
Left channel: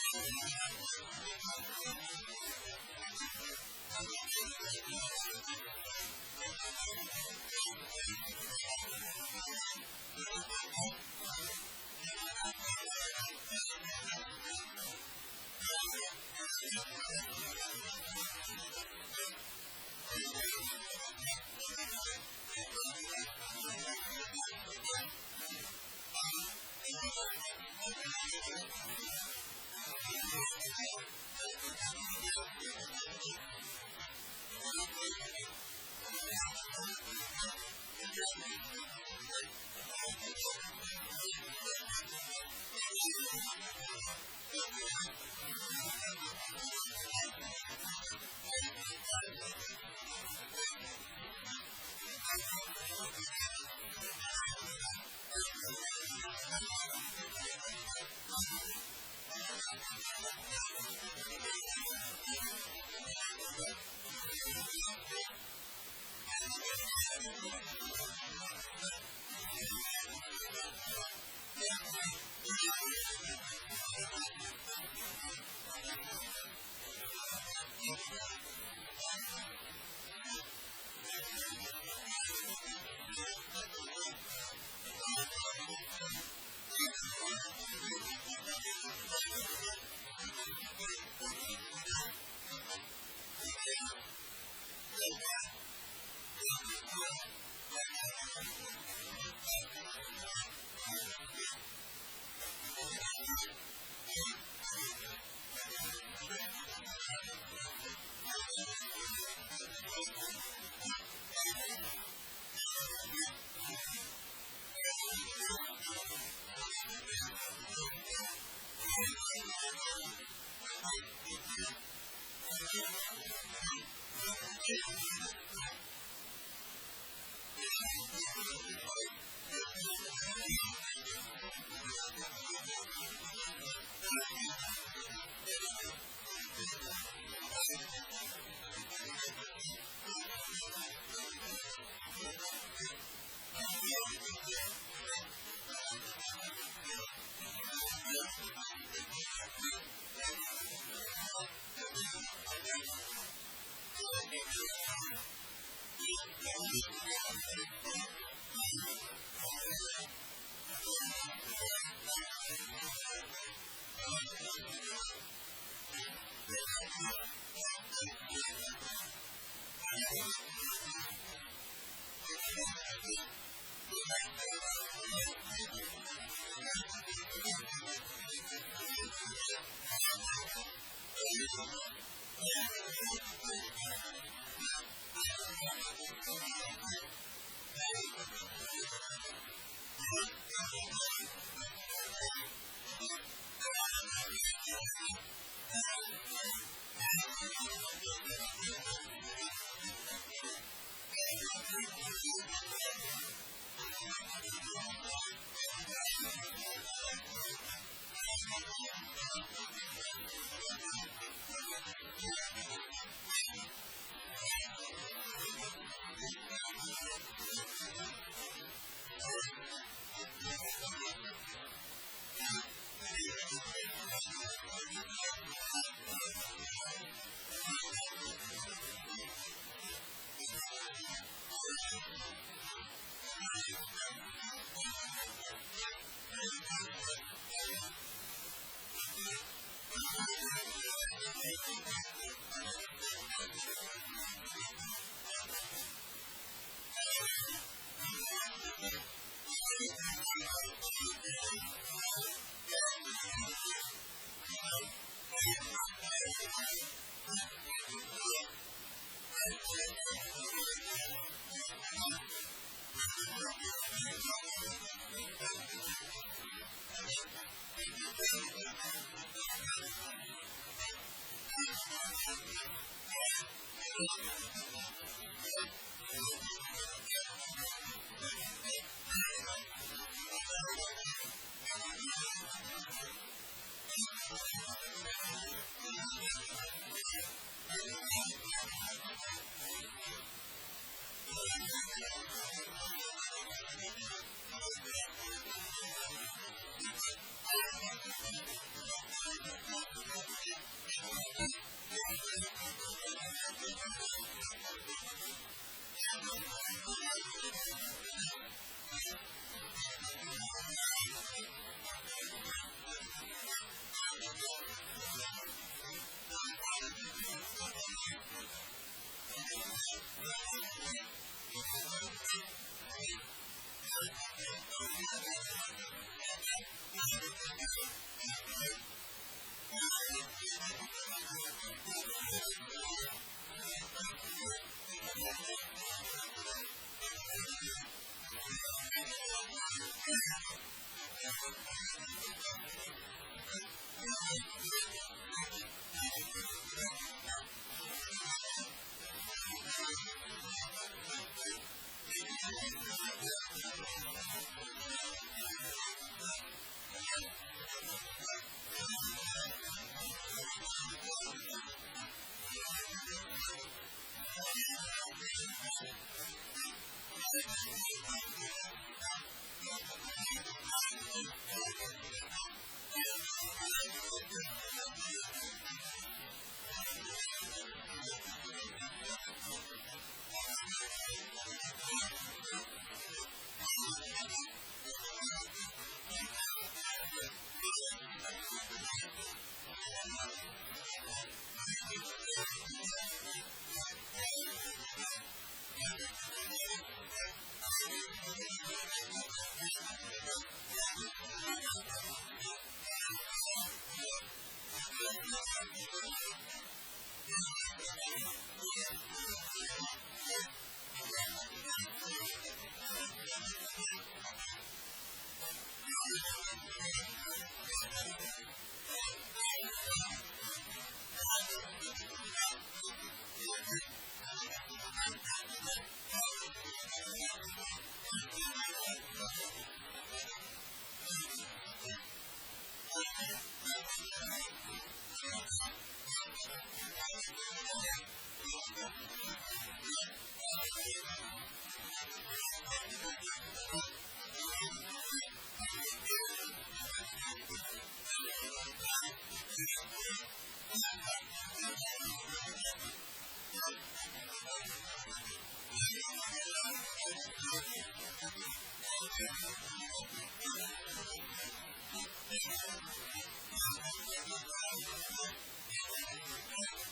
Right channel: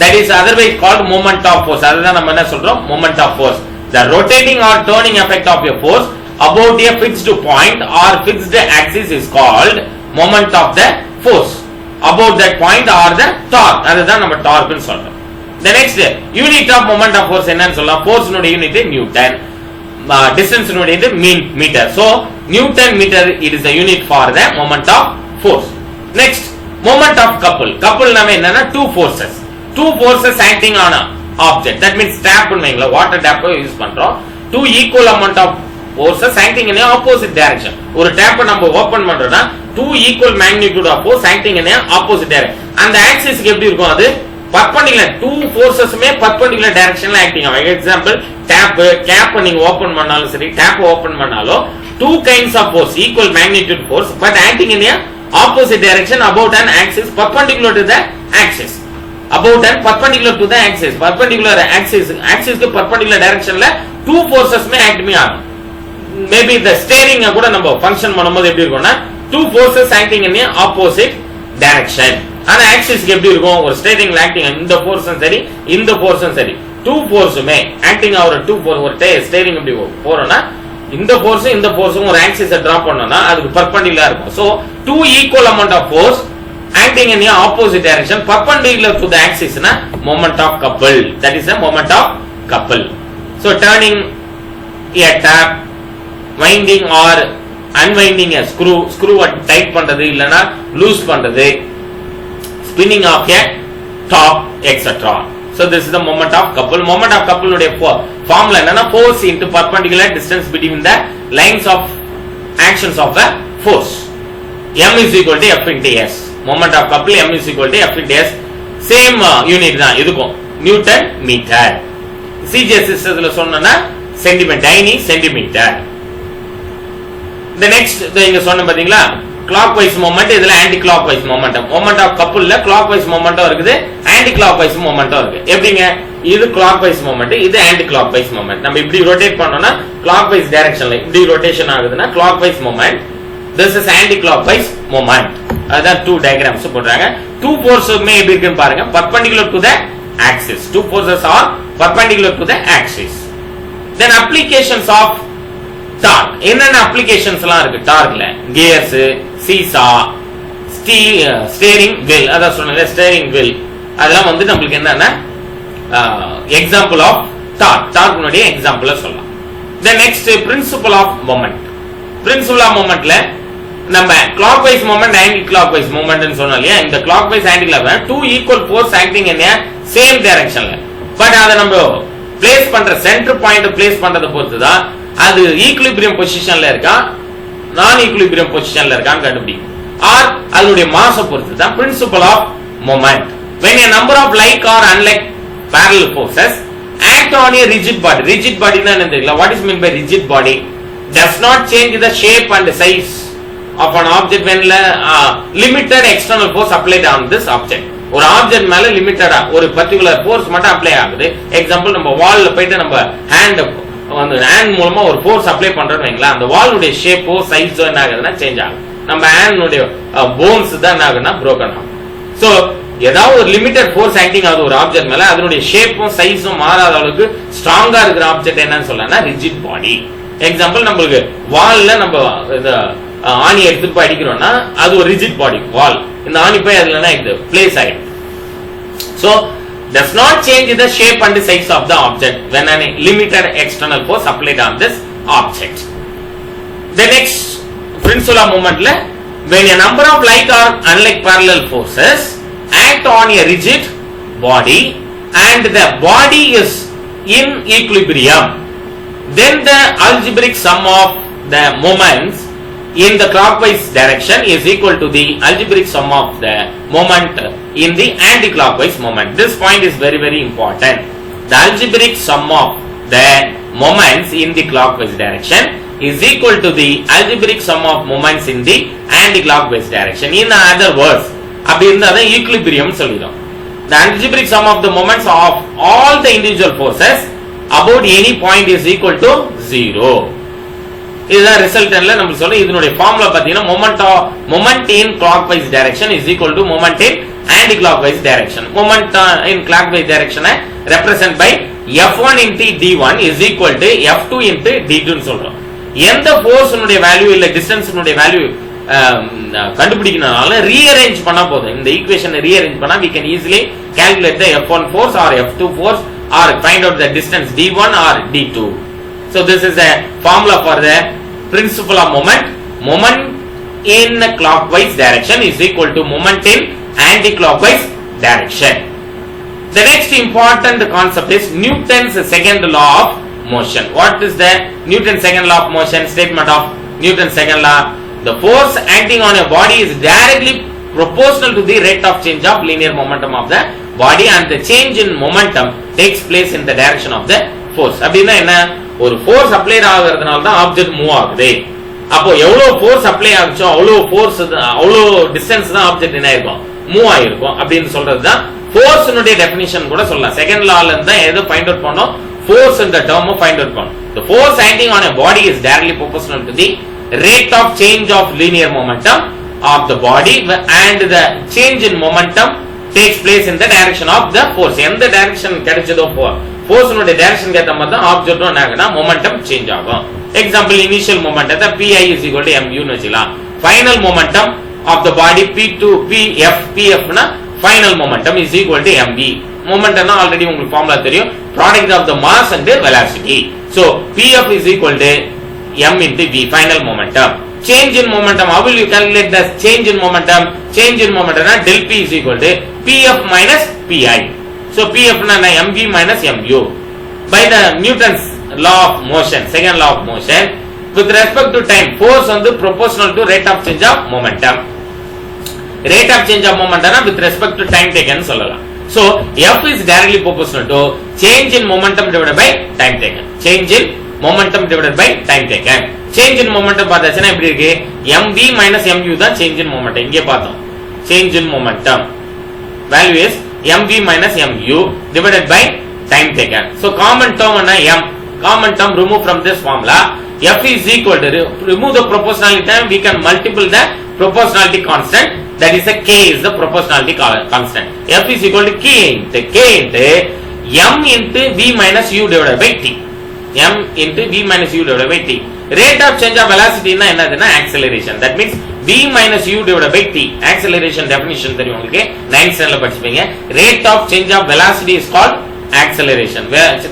that is otherwise called moment of force. அதுதான் நம்ம என்ன சொல்றோம், moment of force. The rotating or turning effect of a force about a fixed point or fixed axis is called moment of the force about that point or the torque. அதுதான் நம்ம torque னு சொல்றோம். The next unit of moment of force என்னன்னு சொல்லலாம், force நோட unit Newton, distance நோட unit metre. So Newton meter it is the unit for the moment of force. Next, moment of couple. Couple நாம என்னன்னா two forces acting on a object. That means tap பண்ணுவீங்களா, water tap use பண்றோம். Two equal amount of forces acting in a opposite direction. ஒரு tap நம்ம ஓபன் பண்றோம்னா two equal magnitude of force acting in a opposite direction. அந்த axis எப்படி இருக்கும், அது perpendicular, two forces மே perpendicular directionல acting ஆகும். Example, tap cap நீங்க ஓபன் பண்ணாலும் சரி, tap ஓபன் பண்ணாலும் two kinds of force, equal magnitude force but acting in a opposite direction about an axis perpendicular to the axis. About and perpendicular to the axis. Perpendicular axis க்கு perpendicular directionல two forces மே act ஆகும். Maybe the steering கூட நம்ம ஃபங்க்ஷன் பண்ணும்போது எப்படி இருக்கும்னா two forces acting in a opposite direction. ஆனா ஆக்சிஸ்க்கு எப்படி இருக்கும், ஒரு ஸ்டேரிங்ல ஆக்டிங் இந்த ஃபோர்ஸும் சரி இந்த ஃபோர்ஸும் சரி டூ ஃபோர்ஸுமே ஆக்டிங் ஆகிற டூ ஃபோர்ஸ், ஒரு ஸ்டேரிங் எப்படி போறோம்னா இந்த ஃபோர்ஸும் இந்த ஃபோர்ஸும் ஒரு ஆக்சிஸை டிராப் பண்ணோம்னா அதுக்கு பர்பெண்டிகுலரா இருக்கும். So two equal amount of force acting in a opposite direction perpendicular to the axis na moment of couple. That is the moment of couple. So turning a tap, winding or unwinding a screw tight பண்றது இல்லனா லூஸ் பண்றது, spinning of a top, etc. So this is the moment of couple. Moment of couple உடைய formula என்னன்னா force into perpendicular distance between the lines of actions of the force. M is equal to F into S. Moment of couple M is equal to F into S. Same unit தான் இதுக்கும், Newton metre. CGS சிஸ்டத்துல சொன்னனா centimetre, tiny centimetre. The next இங்க சொன்ன பாத்தீங்களா, clockwise moment, இதுல anti clockwise momentum. Moment of couple ல clockwise momentum இருக்குது, anti clockwise momentum இருக்கு. எப்படிங்க, இது clockwise moment, இது anti clockwise moment. நம்ம இப்படி rotate பண்ணோம்னா clockwise directionல இப்படி rotation ஆகுதுன்னா clockwise moment. This is anti clockwise moment. அதான் two diagrams போடுறாங்க. Two forces மே எப்படி இருக்குன்னு பாருங்க, perpendicular to the axis. Two forces are perpendicular to the axis. Then applications of torque. என்னென்ன applications எல்லாம் இருக்கு டார்க்ல, gears, சீசா, ஸ்டீரிங் வீல், அதான் சொன்னேன் ஸ்டீரிங் வீல், அதெல்லாம் வந்து நமக்கு என்னன்னா எக்ஸாம்பிள் ஆஃப் டார்க்னுடைய எக்ஸாம்பிள் சொல்லலாம். The next principle of moment. Principle of momentல நம்ம clockwise moment, anti clockwise moment ன்னு சொன்னோம் இல்லையா, இந்த clockwise anti clockwise two equal force acting in a same directionல, பட் அத நம்ம பிளேஸ் பண்ற சென்டர் பாயிண்ட் பிளேஸ் பண்றத பொறுத்து தான் அது ஈக்குலிபிரியம் பொசிஷன்ல இருக்கா நான் ஈக்குலிபிரியம் பொசிஷன்ல இருக்கான்னு கண்டுபிடிக்கும். ஆர் அதனுடைய மாஸை பொறுத்து தான் principle of moment. when a number of like or unlike parallel forces act on a rigid body னா என்ன தெரியல, what is meant by rigid body? Does not change the shape and size of an object when limited external force applied on this object. ஒரு ஆப்ஜெக்ட் மேல லிமிட்டடா ஒரு particular force மட்டும் அப்ளை ஆகுது. எக்ஸாம்பிள், நம்ம வால்ல போயிட்டு நம்ம ஹேண்ட் மூலமா ஒரு ஃபோர்ஸ் அப்ளை பண்றோம்னு வைங்களேன், அந்த வாலுடைய ஷேப்போ சைஸோ என்ன ஆகுதுன்னா சேஞ்ச் ஆகும். நம்ம ஹேண்டுடைய போன்ஸ் தான் என்ன ஆகுதுன்னா broken ஆகும். சோ ஏதாவது ஒரு லிமிட்டட் ஃபோர்ஸ் ஆக்டிங் ஆகுது ஒரு ஆப்ஜெக்ட் மேல, அதனுடைய ஷேப்பும் சைஸும் மாறாத அளவுக்கு ஸ்ட்ராங்கா இருக்கிற ஆப்ஜெக்ட் என்னன்னு சொல்லலாம்னா ரிஜிட் பாடி. எக்ஸாம்பிள், நம்மளுக்கு வால்ல நம்ம ஆணி எடுத்துட்டு போய் அடிக்கிறோம்னா அது ஒரு ரிஜிட் பாடி வால், இந்த ஆணி போய் அதுல இது பிளேஸ் ஆயிடும். So does not change the shape and the size of the object when a limited external force applied on this object. The next principle of moment la, when a number of like or unlike parallel forces act on a rigid body and the body is in equilibrium, then the algebraic sum of the moments in the clockwise direction is equal to the algebraic sum of the moment in the anti-clockwise moment. This point is very very important. The algebraic sum of the moments in the clockwise direction is equal to the algebraic sum of moments in the anti-clockwise direction. In other words, அப்படி இருந்தா தான் equilibrium சொல்லிடும். The algebraic sum of the moments of all the individual forces about any point is equal to 0. இதுதான் ரிசல்டன்ட்ல நம்ம சொல்றோம். இதனுடைய ஃபார்முலா பாத்தீங்கன்னா moment in clockwise direction is equal to moment in anti-clockwise direction. Moment in clockwise direction represent by F1 into D1 is equal to F2 into D2 னு சொல்றோம். எந்த ஃபோர்ஸ் உடைய வேல்யூ இல்ல டிஸ்டன்ஸ் உடைய வேல்யூ கண்டுபிடிக்கனால ரீஅரேஞ்ச் பண்ணா போதும். இந்த ஈக்குவேஷனை ரீஅரேஞ்ச் பண்ணா we can easily calculate the F1 force or F2 force or find out the distance D1 or D2. So this is a formula for the principle of moment. Moment in clockwise direction is equal to moment in anti-clockwise direction. The next important concept is Newton's second law of motion. What is the Newton's second law of motion? Statement of Newton's second law. The force acting on a body is directly proportional to the rate of change of linear momentum of the body, and the change in momentum takes place in the direction of the force. அப்படினா என்ன? ஒரு force apply ஆகிறதுனால தான் object move ஆகுது. அப்போ எவ்வளவு force apply ஆகுச்சோ அவ்வளவு ஃபோர்ஸ் அவ்வளவு டிஸ்டன்ஸ் தான் ஆப்ஜெக்ட் என்ன ஆயிருக்கும், மூவ் ஆயிருக்கும் அப்படின்னு சொல்றதுதான் ஃபோர்ஸ் உடைய டெஃபினிஷன் கூட சொல்லலாம். செகண்ட் லால இருந்து தான் எதை ஃபைண்ட் அவுட் பண்ணோம், ஃபோர்ஸ் இந்த டேர்ம் ஃபைண்ட் அவுட் பண்ணோம். The force acting on a body is directly proportional to the rate of change of linear momentum of the body, and the change in momentum takes place in the direction of the force. எந்த direction கிடைச்சதோ force உடைய direction ஏத்த மாதிரி தான் ஆப்ஜெக்ட்டும் என்னன்னா momentum change ஆகும். Example initial மொமெண்டத்தை pi is equal to mu னு வச்சுக்கலாம். Final momentum of the body pf னா final momentum is equal to mv. மொமெண்டம்னா ஆல்ரெடி உங்களுக்கு ஃபார்முலா தெரியும், product of the mass and velocity. So pf is equal to m into v, final momentum. Change in momentum, how will you calculate the change in momentum? Change in momentum na del p is equal to pf minus pi. So pf na mv minus mu. By the Newton's law of motion, second law of motion, with respect to time, force on the proportional to rate of change of momentum. Rate of change of momentum na with respect to time taken சொல்லலாம். So f is directly proportional to change in momentum divided by time taken. Change in momentum divided by time taken. Change in momentum பார்த்தாச்சுனா எப்படி இருக்கு, mv minus mu தான் change in momentum. இங்கே பார்த்தோம் change in momentum value is mv minus mu divided by time taken. So common term என்ன m, common term remove from this formula. F is equal to, remove the proportionality term, we can multiply the proportionality constant, that is a k is the proportionality constant. F is equal to k into m into v minus u divided by t. M into v minus u divided by t. Rate of change of velocity na enaduna acceleration. That means v minus u divided by t. Acceleration definition தெரியும் உங்களுக்கு 9th standard படிச்சீங்க. Rate of change of velocity is called acceleration.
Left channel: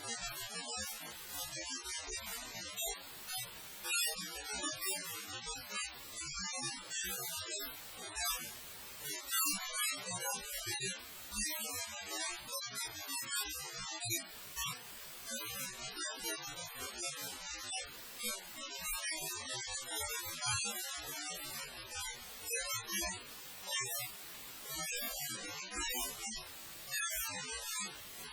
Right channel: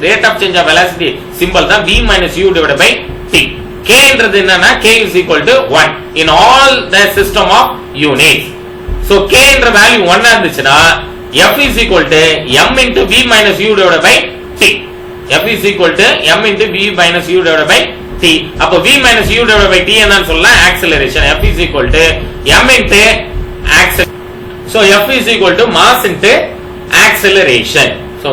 Rate of change of velocity symbol தான் v minus u divided by t. K என்றது என்னன்னா k is equal to 1 in all the system of units. So k என்ற value 1 இருந்துச்சுனா f is equal to m into v minus u divided by t. F is equal to m into v minus u divided by t. அப்போ v minus u divided by t என்னன்னு சொல்லலாம், acceleration. F is equal to m into acceleration. So F is equal to mass into acceleration. So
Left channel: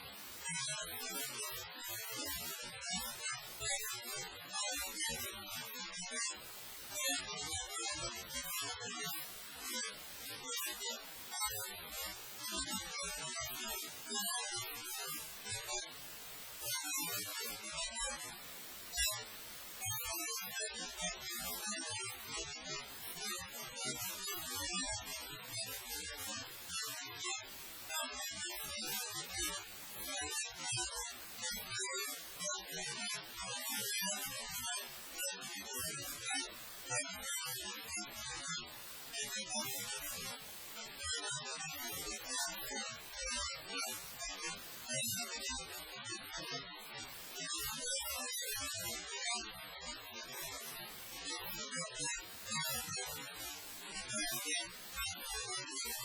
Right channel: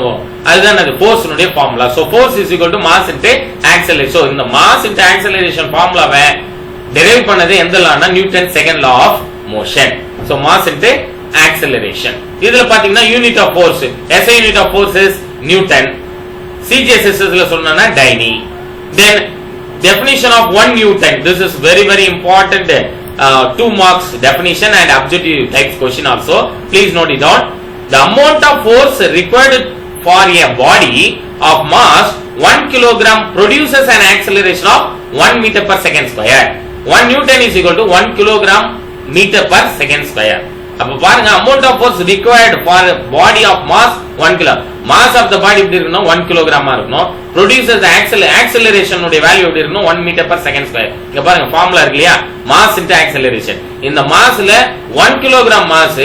அதுதான் அது force உடைய formula. So force is equal to mass into acceleration. So இந்த mass into acceleration ஃபார்முலாவை derive பண்ணது எந்த லானா, Newton second law of motion. So mass into acceleration. இதுல பாத்தீங்கன்னா unit of force, SI unit of force is Newton. CGSS ல சொன்னனா dyne. Then definition of 1 Newton. This is very very important 2 marks definition and objective type question also. Please note it down. The amount of force required for a body of mass 1 kilogram produces an acceleration of 1 meter per second square. 1 Newton is equal to 1 kilogram meter per second square. அப்ப பாருங்க, amount of force required for a body of mass 1 kg. mass of the body எப்படி இருக்கணும், 1 கிலோகிராமா இருக்கணும். produces the acceleration உடைய வேல்யூ எப்படி இருக்கணும், 1 meter per second square. இங்க பாருங்க ஃபார்முலா இருக்கு இல்லையா, mass into acceleration. இந்த massல 1 kilogram mass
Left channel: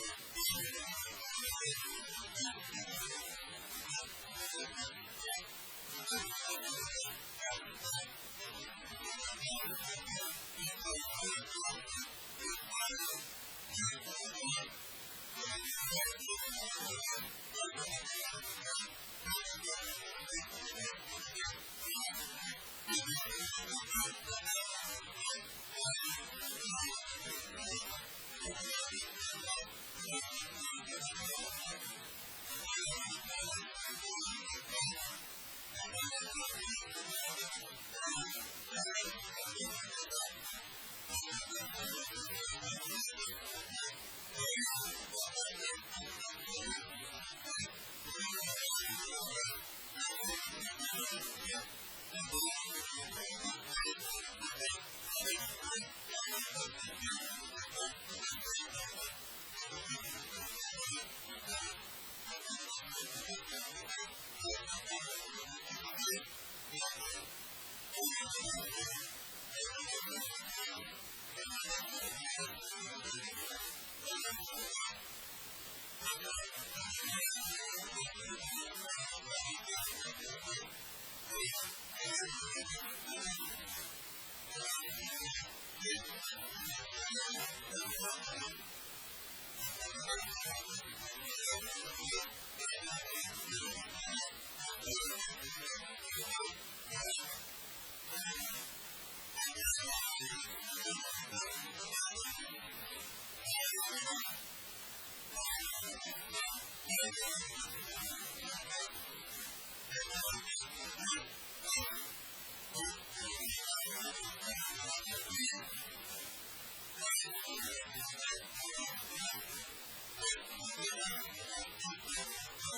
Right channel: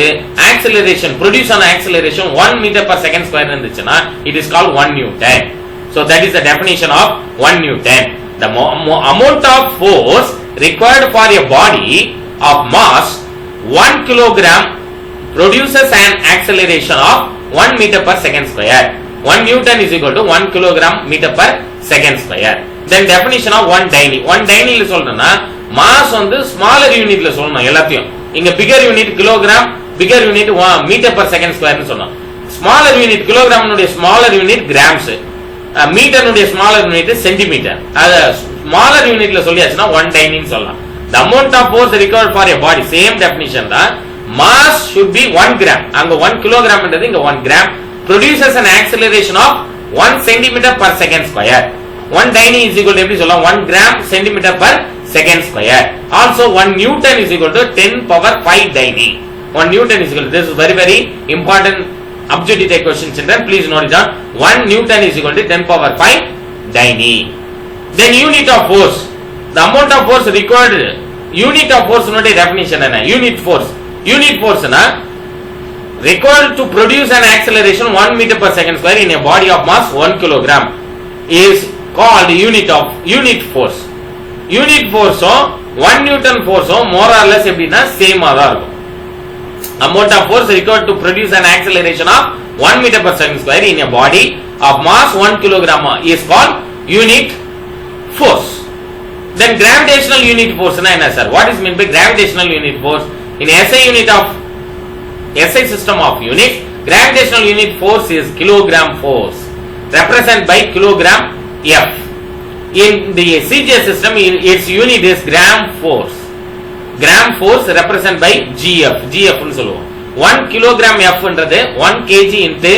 acceleration produce on acceleration 1 meter per second square இருந்துச்சுனா it is called 1 Newton. So that is the definition of 1 Newton. The amount of force required for a body of mass 1 kilogram produces an acceleration of 1 meter per second square. 1 Newton is equal to 1 kilogram meter per second square. Then definition of 1 dyne. 1 dyne ல சொல்றேன்னா mass வந்து smaller unit ல சொல்லணும் எல்லாத்தையும். இங்க bigger unit kilogram, bigger unit meter per second square னு சொன்னோம். smaller unit kilogram உடைய smaller unit grams, meter உடைய smaller unit centimeter. அது smaller unit ல சொல்லியாச்சுன்னா 1 dyne னு சொல்லலாம். The amount of force required for a body, same definition தான். mass should be 1 gram. அங்க 1 kilogram என்றது இங்க 1 gram produces an acceleration of 1 centimeter per second square. 1 dyne is equal to எப்படி சொல்லலாம் 1 gram centimeter per second square. Also 1 newton is equal to 10 power 5 dyne. 1 newton is equal to, this is very important objective type question children, please note it down. 1 newton is equal to 10 power 5 dyne. Then unit of force, the amount of force required. Unit of force not a definition என்ன unit force na required to produce an acceleration 1 meter per second square in a body of mass 1 kilogram is called unit force. Unit force 1 newton force more or less எப்படினா சேம் ஆ தான் இருக்கும். Amount of force required to produce an acceleration of 1 meter per second square in a body of mass 1 kilogram is called unit force. Then gravitational unit force na enna sir, what is meant by gravitational unit force? In SI system of units, gravitational unit force is kilogram force represented by kilogram F. In the CGS system, its unit is gram force. Gram force represented by GF னு சொல்லுவோம். 1 kilogram F என்றது 1 kg into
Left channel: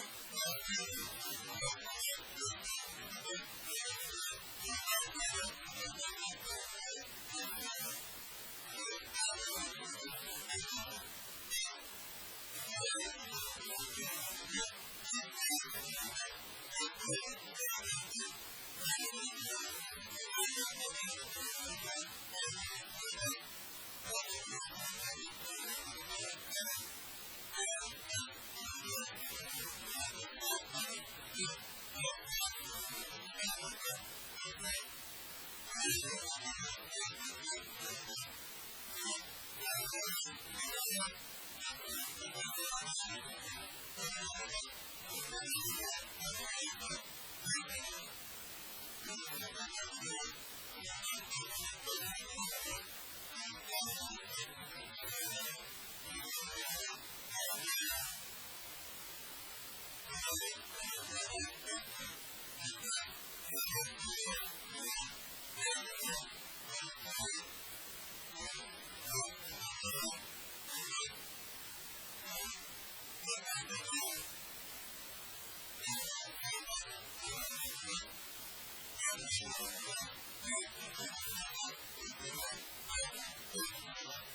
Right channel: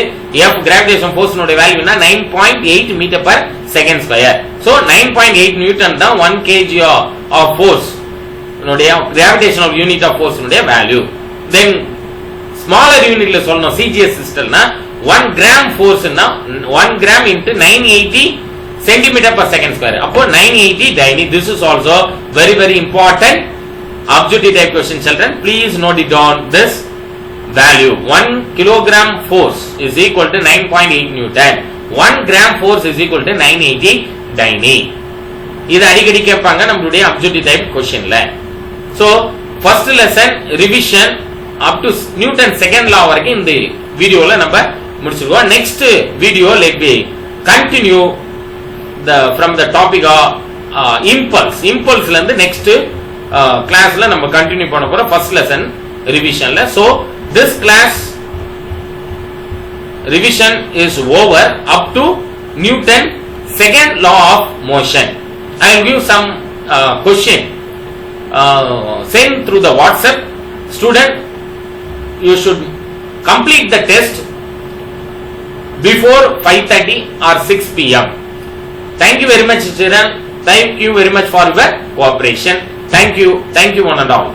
F gravitation force நோட value என்ன 9.8 meter per second square. So 9.8 newton தான் 1 kg of force நோடைய gravitational unit of force நோடைய value. Then smaller unit ல சொல்லணும் CGS system னா 1 gram force னா 1 gram into 980 centimeter per second square. அப்போ 980 dyne. This is also very important objective type question children, please note it down this value. 1 kilogram force is equal to 9.8 newton. 1 gram force is equal to 980 dyne. இது அடிக்கடி கேட்பாங்க நம்மளுடைய objective type questionல. So first lesson revision up to Newton second law வரைக்கும் இந்த வீடியோல நம்ம முடிச்சிருக்கோம். Next video let me continue from the topic of impulse ல இருந்து next classல நம்ம continue பண்ண போறோம் first lesson revisionல. So this class revision is over up to Newton second law of motion. I will give some question send through the WhatsApp. Student, you should complete the test before 5:30 or 6 p.m. Thank you very much children, thank you very much for your cooperation. Thank you one and all.